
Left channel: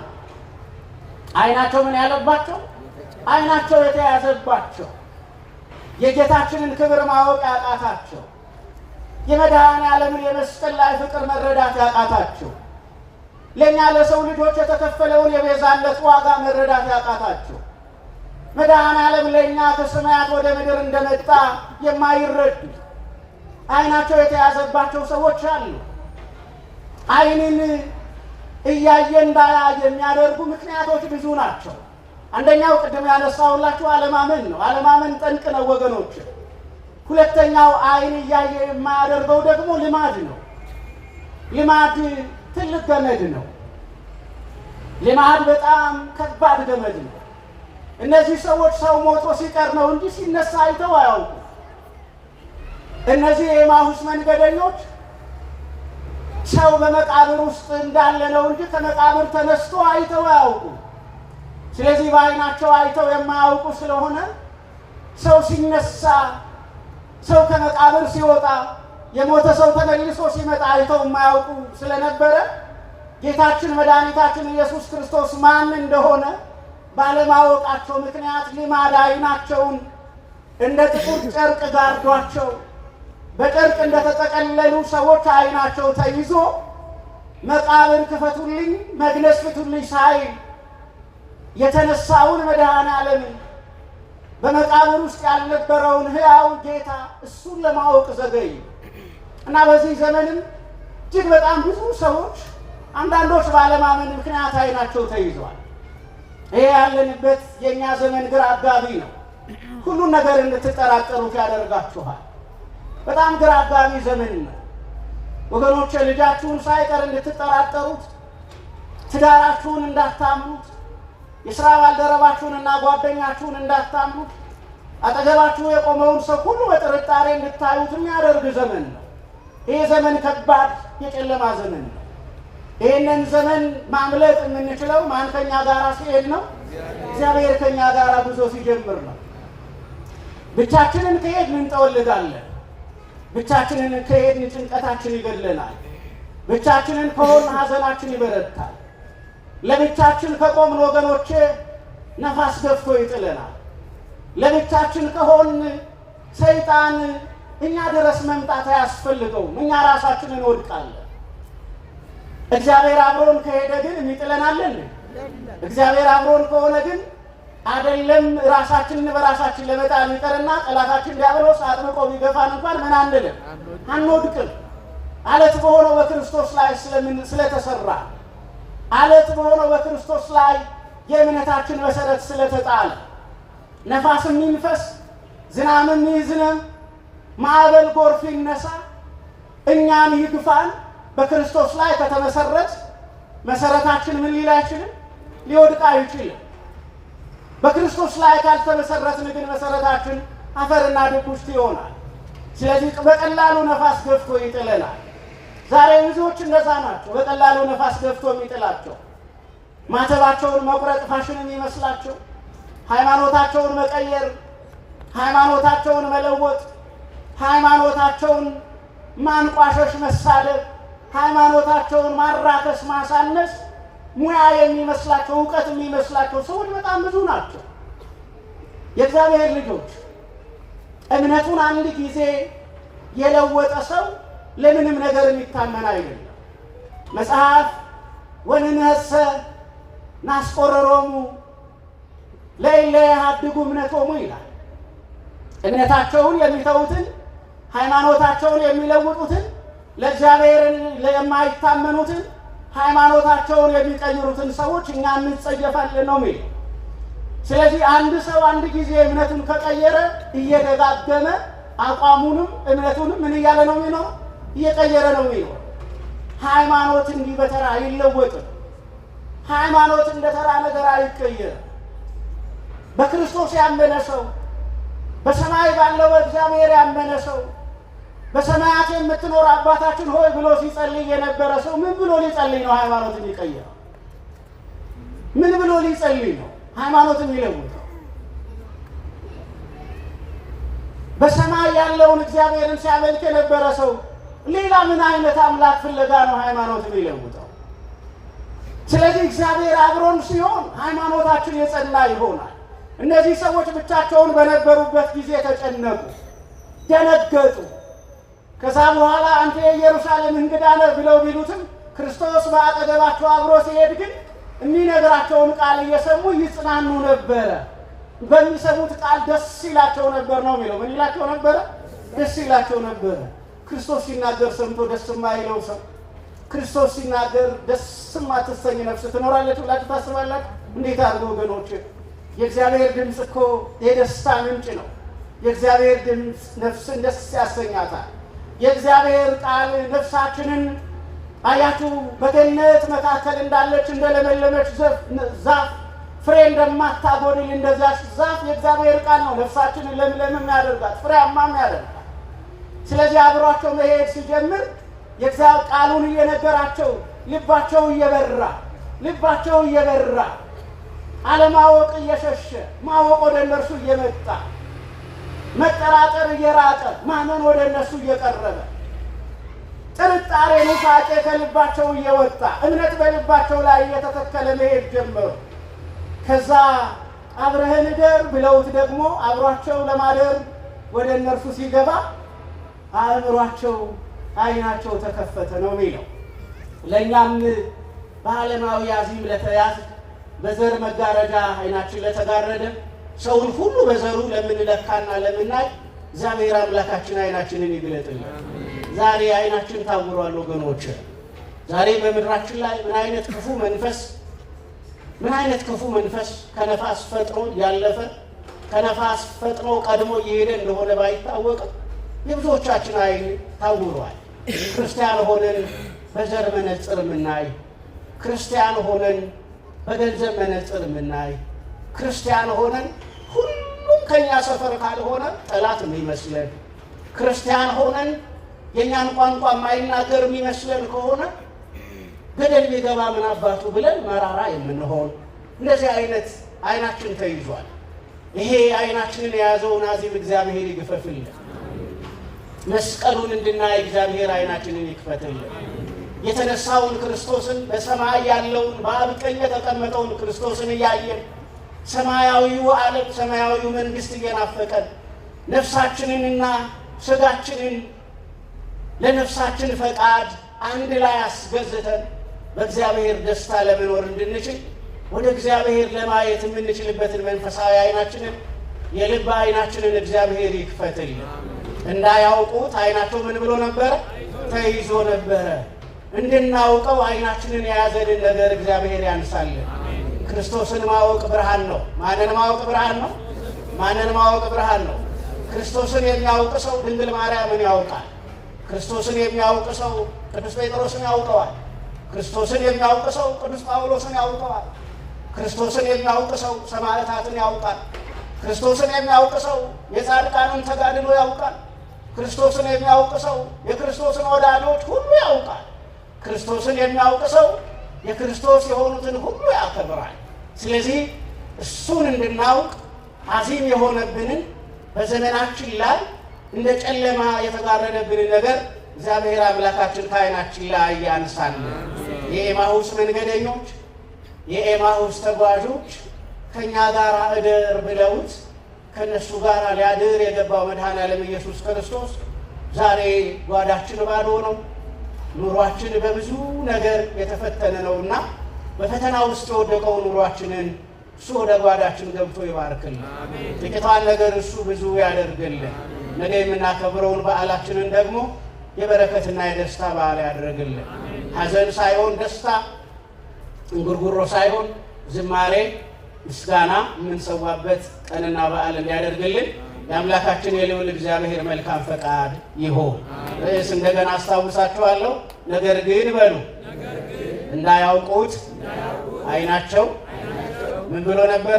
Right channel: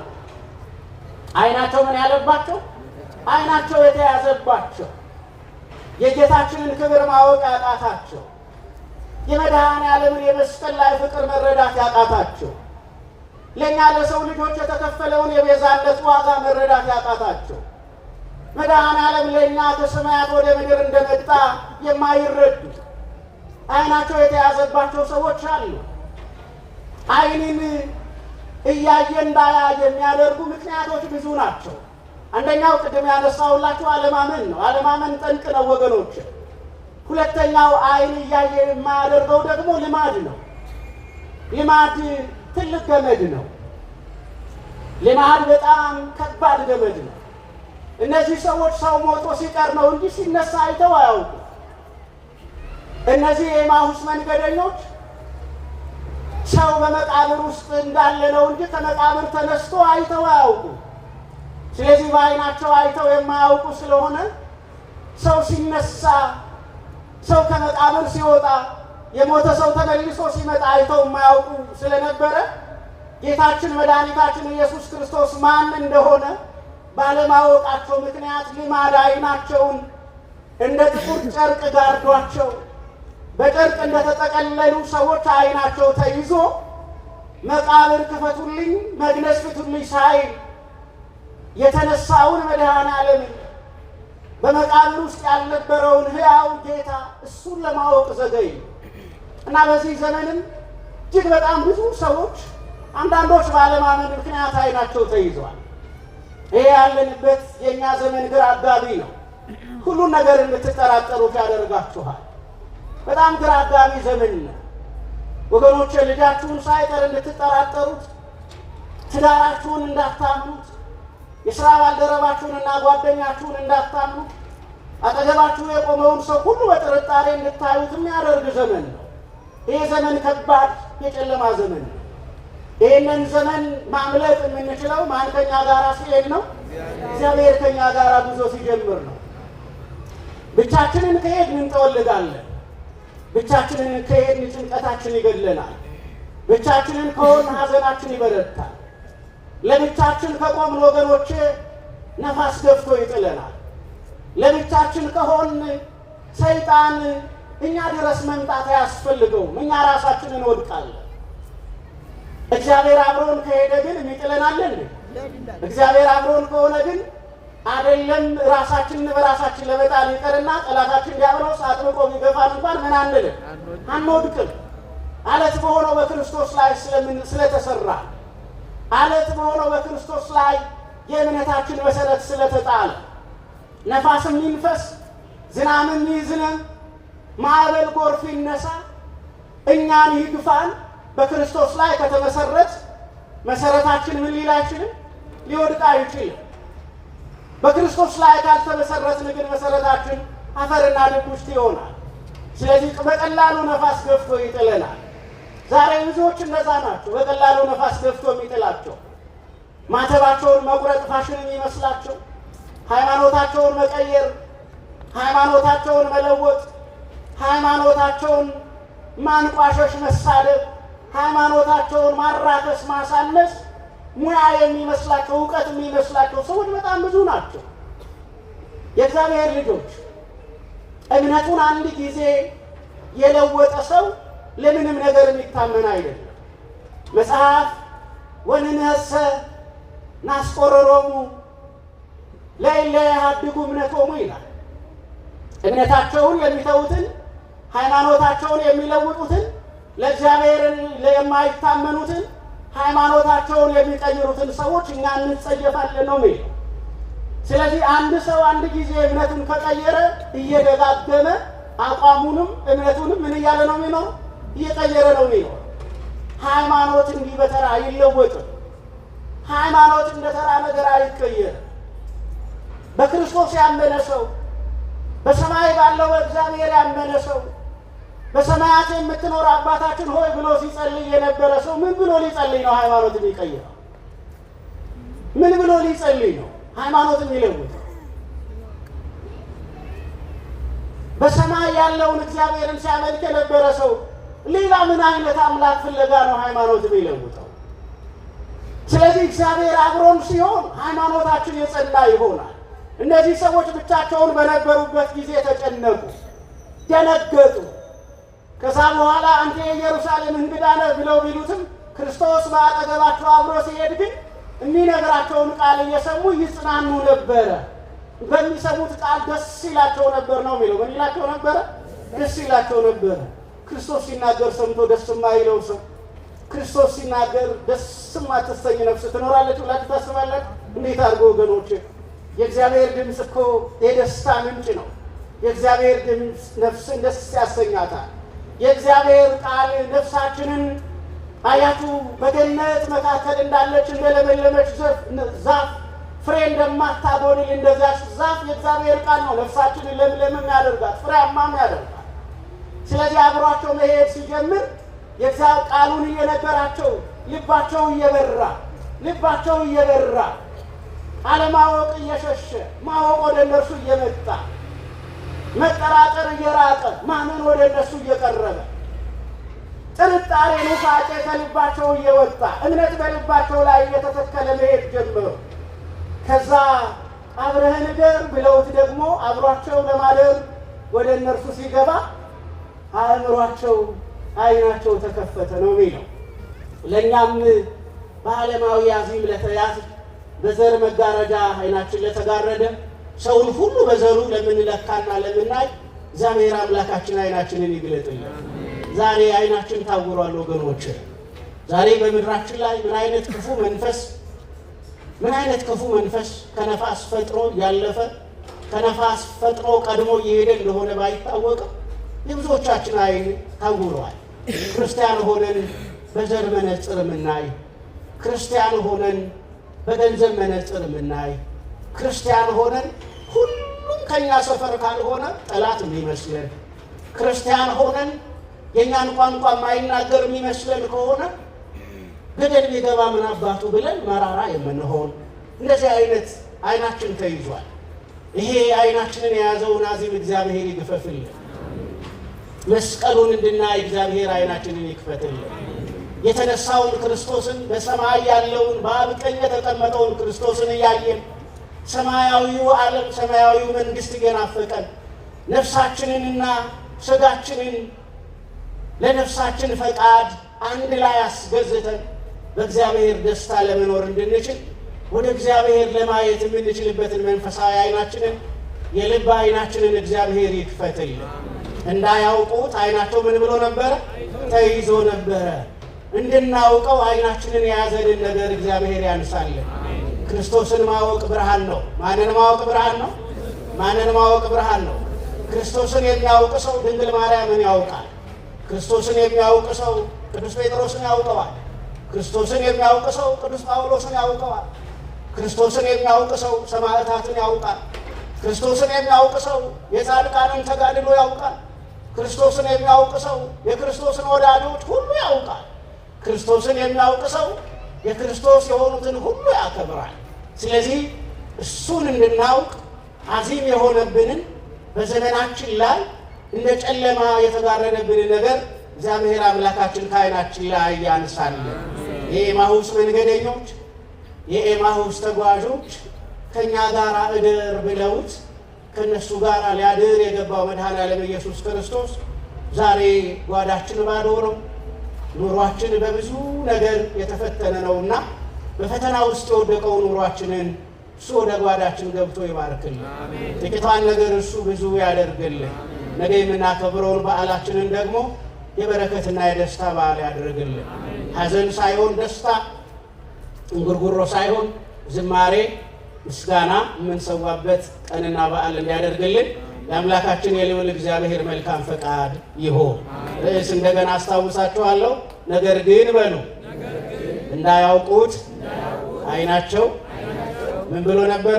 ዓይናቸው ምን ያለባቸው? ዓይናቸው የተያዘባቸው፣ የጌታችንን ክብር ማወቅ ያቃታቸው፣ የመድኃኔዓለምን የመስቀል ላይ ፍቅር መረዳት ያቃታቸው፣ ለእኛ ለሰው ልጆች የተከፈለውን የቤዛነት ዋጋ መረዳት ያቃታቸው፣ መድኃኔዓለም ለእኛ ከሰማያት ወደ ምድር እንደመጣ የማይረዱ ዓይናቸው የተያዘባቸው ሰዎች አሉ። ዓይንን እያየ እንዳያይ የሚያደርጉ ምክንያቶች ብዙ ናቸው። አንደኛው ቅድም ያነሳሁላችሁ አለማመን ነው። አለማመን ጠንቅ ነው ወገኖች። ሁለተኛው ዓይን እያየ የማያደርገው ደግሞ ልማድ ነው። ልማድ ትልቅ ገመድ ነው። ልማድ በጣም ከባድ ገመድ ነው። እነዚህ ሰዎች ሰው ሞቶ ሲቀር ነው እንጂ ሲነሳ አይተው አያውቁ። እነዚህ የኤማሁስ መንገደኞች ሰው በመቃብር ውስጥ እንዳለ ነው እንጂ ከመቃብር ተነስቶ አይተው አያውቁ። ስለዚህ በዓይናቸው አይተው የማያውቁ ስለሆነ ሰው ሲነሳ፣ ሰው ከመቃብር ሲወጣ፣ የሞተ ሰው ተመልሶ ሲመጣ አይተው የማያውቁ ስለነበረ ጌታችን መድኃኒታችን ኢየሱስ ክርስቶስ ማን እንደሆነ ባለማወቃቸው ምክንያት ልማድ ዓይናቸውን እንደ ጥቁር ጨርቅ ጋርዷቸው በጨርቅ እንደተጠቀለሉ ሰዎች ዓይናቸው ተይዞ መቃብር ክፈቱልኝ፣ መግነዝ ፍቱልኝ ሳይል የተነሳውን መድኃኔዓለምን በመቃብር ውስጥ ያልነበረውን ሕያው ጌታ እሱን ለማወቅ ዘገዩ እና በዚህ ዘመንም እጅግ በጣም ብዙ ሰዎች አንዳንዶች ባለማመን ምክንያት ዓይናቸው ተይዘዋል። ይሄ ያለንበት የእኛ ዘመን ግራ አጋቢ ነው። ሁሉን ነገር እንድትጠራጠሩት ያደርጋችኋል። በጣም ግራ አጋቢ ዘመን ነው ወገኖቼ። ልጃችሁን ሳይቀር እንድትጠራጠሩት፣ ትዳራችሁን እንዳታምኑት፣ የሥራ ባልደረባችሁንና ጓደኛችሁን እንዳታምኑት፣ አጠገባችሁ የቆመውን ሰው ሁሉ በጥርጣሬ እንድታዩት የሚያደርግ ዘመን ነው። ይህ ዘመን ከባድ የጨለማ ዘመን ነው። ይህንን ዘመን ማምለጥ የምንችለው ማን ከኛ ጋር ሲሄድ ነው? እግዚአብሔር ከኛ ጋር ጉዞ ሲጀምር ነው። ብቻችንን ከሄድን እንጠወልጋለን። ብቻችንን ከሄድን ጭንቀታችን ይገለናል። ብቻችንን ከሆን ሐዘናችን ይበረታል። ለብቻችን ከቆምን ወገኖቼ ነፋስ ገፍቶ ይጥለናል። ለብቻችን ከሆን ሰይጣን እኛ ድረስ መምጣት አያስፈልገውም። እኛ ራሳችንን እንወድቃለን። እግዚአብሔር አብሮን ከሄደ ግን የሚጥለናለን። እግዚአብሔር አብሮን ከሆነ ግን አይደለም ራሳችንን በራሳችን ለመጣል ይቀርና ጠላታችን ዲያብሎስ አጥብቆ ቢገፋን እንኳን ምን አንልም፣ አንወድቅም። አለት በሆነው በክርስቶስ ላይ ስለተሰራ፣ አለት በሆነው በክርስቶስ ላይ የእምነታችን መሰረት ስለተጣለ ነፋስም ይንፈስ፣ ዝናብም ይዝነብ፣ ማዕበል ጎርፍ ይነሳ፣ እኛም ይግፋን፣ በክርስቶስ ላይ ከተመሰረት መሰረታችን ምን ሊል አይችልም፣ ሊወድቅ አይችልም። በክርስቶስ ላይ ካልተመሰረትን ግን መሰረታችን አፈርና ድኩሽት ይሆናል። ስለዚህ በቀላሉ ነፋስ ገፍቶ ይጥለናል። ዛሬ ብዙዎች እንደዛ ናቸው። በቀላሉ ነፋስ ገፍቶ የሚጥላቸው ማተባቸውን መቁረጥ ፋሽን የሚመስላቸው፣ ሃይማኖታቸውን መቀየር፣ ሃይማኖታቸውን መለወጥ፣ ሃይማኖታቸውን ማንቋሸሽ፣ መሳደብ፣ ሃይማኖታቸውን ማራከስ፣ ማሳነስ ሙያ የሚመስላቸው፣ እውቀት የሚመስላቸው ሰዎች በጣም ብዙ ናቸው። የእግዚአብሔር ልጆች እምነቱን አንድ ጊዜ የለወጠ ሰው ለምንም ነገር የሚታመን አይደለም። መጽሐፍ ወንነሰ ናስቆረሮሙ ለእለ ያሃድጉ እምነቶሙ ይላል። እምነታቸውን የሚተዉትን፣ ሃይማኖታቸውን የሚለውጡትን፣ ለእግዚአብሔር የማይታመኑትን፣ ሃይማኖታቸውን የሚቀይሩትን ሰዎች እኛ እንጸየፋለን ነው የሚለው። ስለዚህ አንድ ሰው አንድ ጊዜ እምነቱን ከቀየረ እየደጋገመ አቋሙንም እምነቱንም ምን እያለ ነው የሚለው? እየቀየረ ነው የሚለው። ሃይማኖት እንዲህ በተራ አይለወጥም። ሃይማኖት እንደ ተራ ነገር አይቀየርም። በክርስቶስ ያመነ ሰው፣ በሰማይ ባለው በእግዚአብሔር ያመነ ሰው፣ በሰማያት የምትኖር አባታችን ሆይ ብሎ ሲጸልይ የነበረ ሰው ምን ብሎ ሊጸልይ ነው ሃይማኖትን ይቀየራል? ምን ብሎ ሊጸልይ ነው ሃይማኖትን ይለውጣል? በሰማይ ያለውን እግዚአብሔርን ሲያመልክ የነበረ ሰው ሌላ ምን አይነት አምላክ ፍለጋ ነው ሃይማኖትን ይለውጣል? ስለዚህ እግዚአብሔር አብሮን ሲሆን ሃይማኖታችን የጸና ይሆናል። እነዚህ ሰዎች ብቻቸውን በነበሩበት ጊዜ ተጨነቁ፣ ደነገጡ። ከዛ በኋላ አንተ የኢየሩሳሌም እንግዳ ነህ ብለው ቢሉትም ክርስቶስ በአጠገባቸው አብሮ ሲሄድ ግን የሚነግራቸውን ቃል እየሰሙ ይጽናኑ ነበረ። በሚሰሙት ቃል ደስ ይላቸው ነበር ነው የሚለው። ምን ይላቸው ነበረ? ደስ ይላቸው ነበረ። ክርስቶስ ሲናገር ሰምቶ ደስ የማይለው ሰው፣ ክርስቶስ ሲናገር ደስ የማትሰኝ ነፍስ ትኖራለች ብላችሁ ታስባላችሁ? እንዴት አድርጎ ወገኖች! የእግዚአብሔር ድምፅ እኮ የደስታ ምንጭ ነው። የእግዚአብሔር ድምፅ ነፍስን ደስ ያሰኛታል። የእግዚአብሔር ቃል ነፍሳችንን አያችሁ በገነት መካከል እንዳለች እንደለመለመች ዛፍ ፍሬ እንደማታጎድል እንደዚያች ዛፍ የእግዚአብሔር ቃል ነው ነፍሳችንን ለምለምም ያደርጋት፣ ፍሬያማም ያደርጋት። ስለዚህ አብሯቸው መሄድ ሲጀምር የእግዚአብሔር ቃሉን እየነገራቸው ልባቸው እየበራ አለማወቅ እየሸሸ ማወቅ ወደ እነርሱ እየመጣ መጠራጠር እየራቀ ማመን ወደ እነሱ እየቀረበ ጥርጣሬ ኑፋቄ ከልባቸው እየወጣ እምነት በልባቸው ላይ እየተተከለ መሄድ ጀመሩ። ከዛ አብረህን እደር ብለውት ደግሞ አብሯቸው ለማደር ወደ እነርሱ ሲገባ አእምሯቸው ዓይናቸው ተከፈተ ነው የሚለው። ለእኛም በዓለማዊ አዚም ለተያዝ በዘር መጋረጃ ዓይናችን ለተጋረደ ሰውን ሁሉ በዘሩ ለምንለካና ለምናይ እግዚአብሔር አምላካችን ዓይናችንን ይግለጥልን። ዛሬ ዓይናችን ታውሯል ወገኖች። ዛሬ በምድራችን ላይ ምን አይነት ክፉ መንፈስ ከነፋስ ፈጥኖ ያለፈ ከነፋስ ፈጥኖ ቀድሞ እየሄደ እንደሆነ ባይታወቅም የብዙዎቻችን ዓይን ታውሯል። ክርስቲያን ሆነን በዘር መነጽር የምናይ፣ ክርስቲያን ሆነን በገንዘብ መነጽር የምናይ፣ ክርስቲያን ሆነን ሁሉም ከኛ ሰፈር ካልሆነ ጠላት የሚመስለን፣ ክርስቲያን ሆነን የእኛን ቋንቋ የማይናገር የሚመስለን ከሆነ ገደል ቢገባ ምን አባቱ ብለን መራራ የምንሆን እንደዚህ አይነት ዓይናችን ተይዟል። ይሄ ዓይናችንን የያዘውን አዚም እግዚአብሔር ይግፈፍልን። መስቀሉን እንድናይ እግዚአብሔር ዓይናችንን ይክፈትልን። የተነሳውን ክርስቶስን በሰማይ ያለውን በአብ ቀኝ የተቀመጠውን ክርስቶስን እያየን ሰማያዊው ዓለም ሰማያዊው መንግሥት እየናፈቀን ነፍሳችንንና ሥጋችንን ለነፍሳችን ፈቃድ አንድ ላይ አስገዝተን በእግዚአብሔር ደስታ ለመኖር እንድንችል ወደ እግዚአብሔር ለማየት የምንችልበትን መንፈሳዊ ዓይናችንን የልብ ዓይናችንን እግዚአብሔር ይክፈትል። እንዳያውቁት ዓይናቸው ምን ብሎ ነበረ? ተይዞ ነበረ። እንድናውቀው ዓይናችንን የያዘንን ነገር እግዚአብሔር ያንሳልን። ክርስቶስን ማወቅ ብርሃን ነው። ማንን ማወቅ ብርሃን ነው? ማንን ማወቅ ብርሃን ነው? ክርስቶስን የሚያውቅ ሰው ድንግል ማርያምን ያውቃል። ክርስቶስን የሚያውቅ ሰው ቅዱስ ጴጥሮስን ያውቀዋል። ክርስቶስን የሚያውቅ ሰው ቅዱስ ጳውሎስን ያውቀዋል። ክርስቶስን የሚያውቅ ሰው ሰማዕታትን ያውቃል። ክርስቶስን የሚያውቅ ሰው የጻድቃንን ተጋድሎ ያውቃል። ክርስቶስን የሚያውቅ ሰው የክርስቶስን ወዳጆች ሁሉ ያውቃል። ክርስቶስን የሚያውቅ ሰው የክርስቶስ የሆኑትን ሁሉ ያከብራል። ስለዚህ እሱን እንድናውቅ አዚም የሆነብንን በዘመናችን ላይ እንደ ጨለማ የተጋረደብንን ነገር እግዚአብሔር አምላካችን ከዓይናችን ላይ ያንሳልን። የኤማሁስ መንገደኞች የኤማሁስ ተጓዦች ከእኛ ጋር እደር ብለውት ከእነሱ ጋር ሊያድር የገባው መድኃኔዓለም ኢየሱስ ክርስቶስ ዛሬ ጓዳችን ባዶ ነው። ኑሯችን በብዙ ነገር የተፈተነ ነውና በፈተና ውስጥ የወደቀው ኑሯችንን እሱ ወደ ጓዳችን ገብቶ ይባርክልን። ጥቂቷን ነገር እሱ ብዙ ያደርግልን። ነገ የምናከብረውን በዓላችንን ደግሞ የበረከትና የደስታ በዓል ያድርግልን። ሐዘን ሳይሆን ደስታ፣ እንጉርጉሮ ሳይሆን ዝማሬ፣ ምስጋና የምንሰዋበት ቀንና በዓል እንዲያደርግልን የአምላካችን የልዑል እግዚአብሔር መልካም ፈቃድ ይሆን። ርዕስ እንደገና አስታውሳችኋለሁ። ነገር ግን በሉ እንዳያውቁት ዓይናቸው ምን ብሎ ነበረ?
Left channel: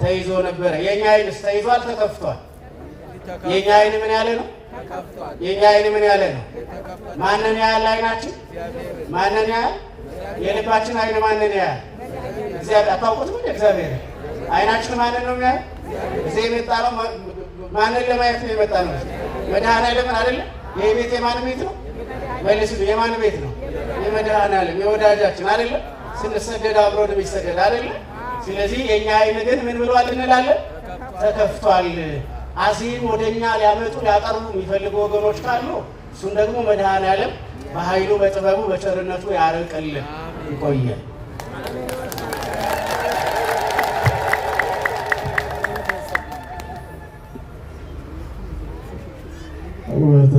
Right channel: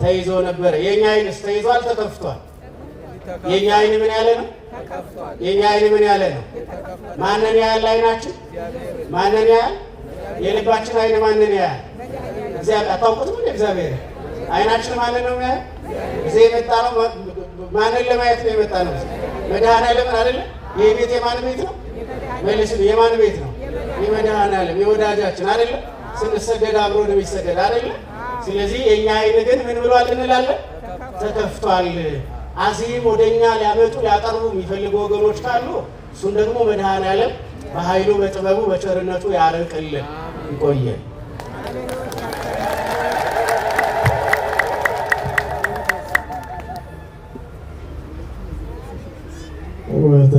ተይዞ ነበረ። የእኛ ዓይንስ ተይዟል? ተከፍቷል? የእኛ ዓይን ምን ያለ ነው? የእኛ ዓይን ምን ያለ ነው? ማንን ያህል ዓይናችን? ማንን ያህል? የልባችን ዓይን ማንን ያህል? እግዚአብሔር አታውቁትም? እግዚአብሔር ዓይናችን ማንን ነው የሚያየው? እዚህ የመጣ ነው ማንን ለማየት ነው የመጣ ነው? መድኃኔዓለምን አይደለ? ይህ ቤት የማን ቤት ነው? መልስ የማን ቤት ነው? የመድኃኔዓለም የወዳጃችን አይደለ? ስንሰደድ አብሮ ነው የሚሰደድ አይደለ? ስለዚህ የእኛ ዓይን ግን ምን ብሏል እንላለን? ተከፍቷል። አዚም ወደኛ ሊያመጡ ሊያቀርቡ የሚፈልጉ ወገኖች ካሉ እሱን ደግሞ መድኃኔዓለም በኃይሉ በጥበቡ በቸርነቱ ያርቅልን። ይቆየን። ወደ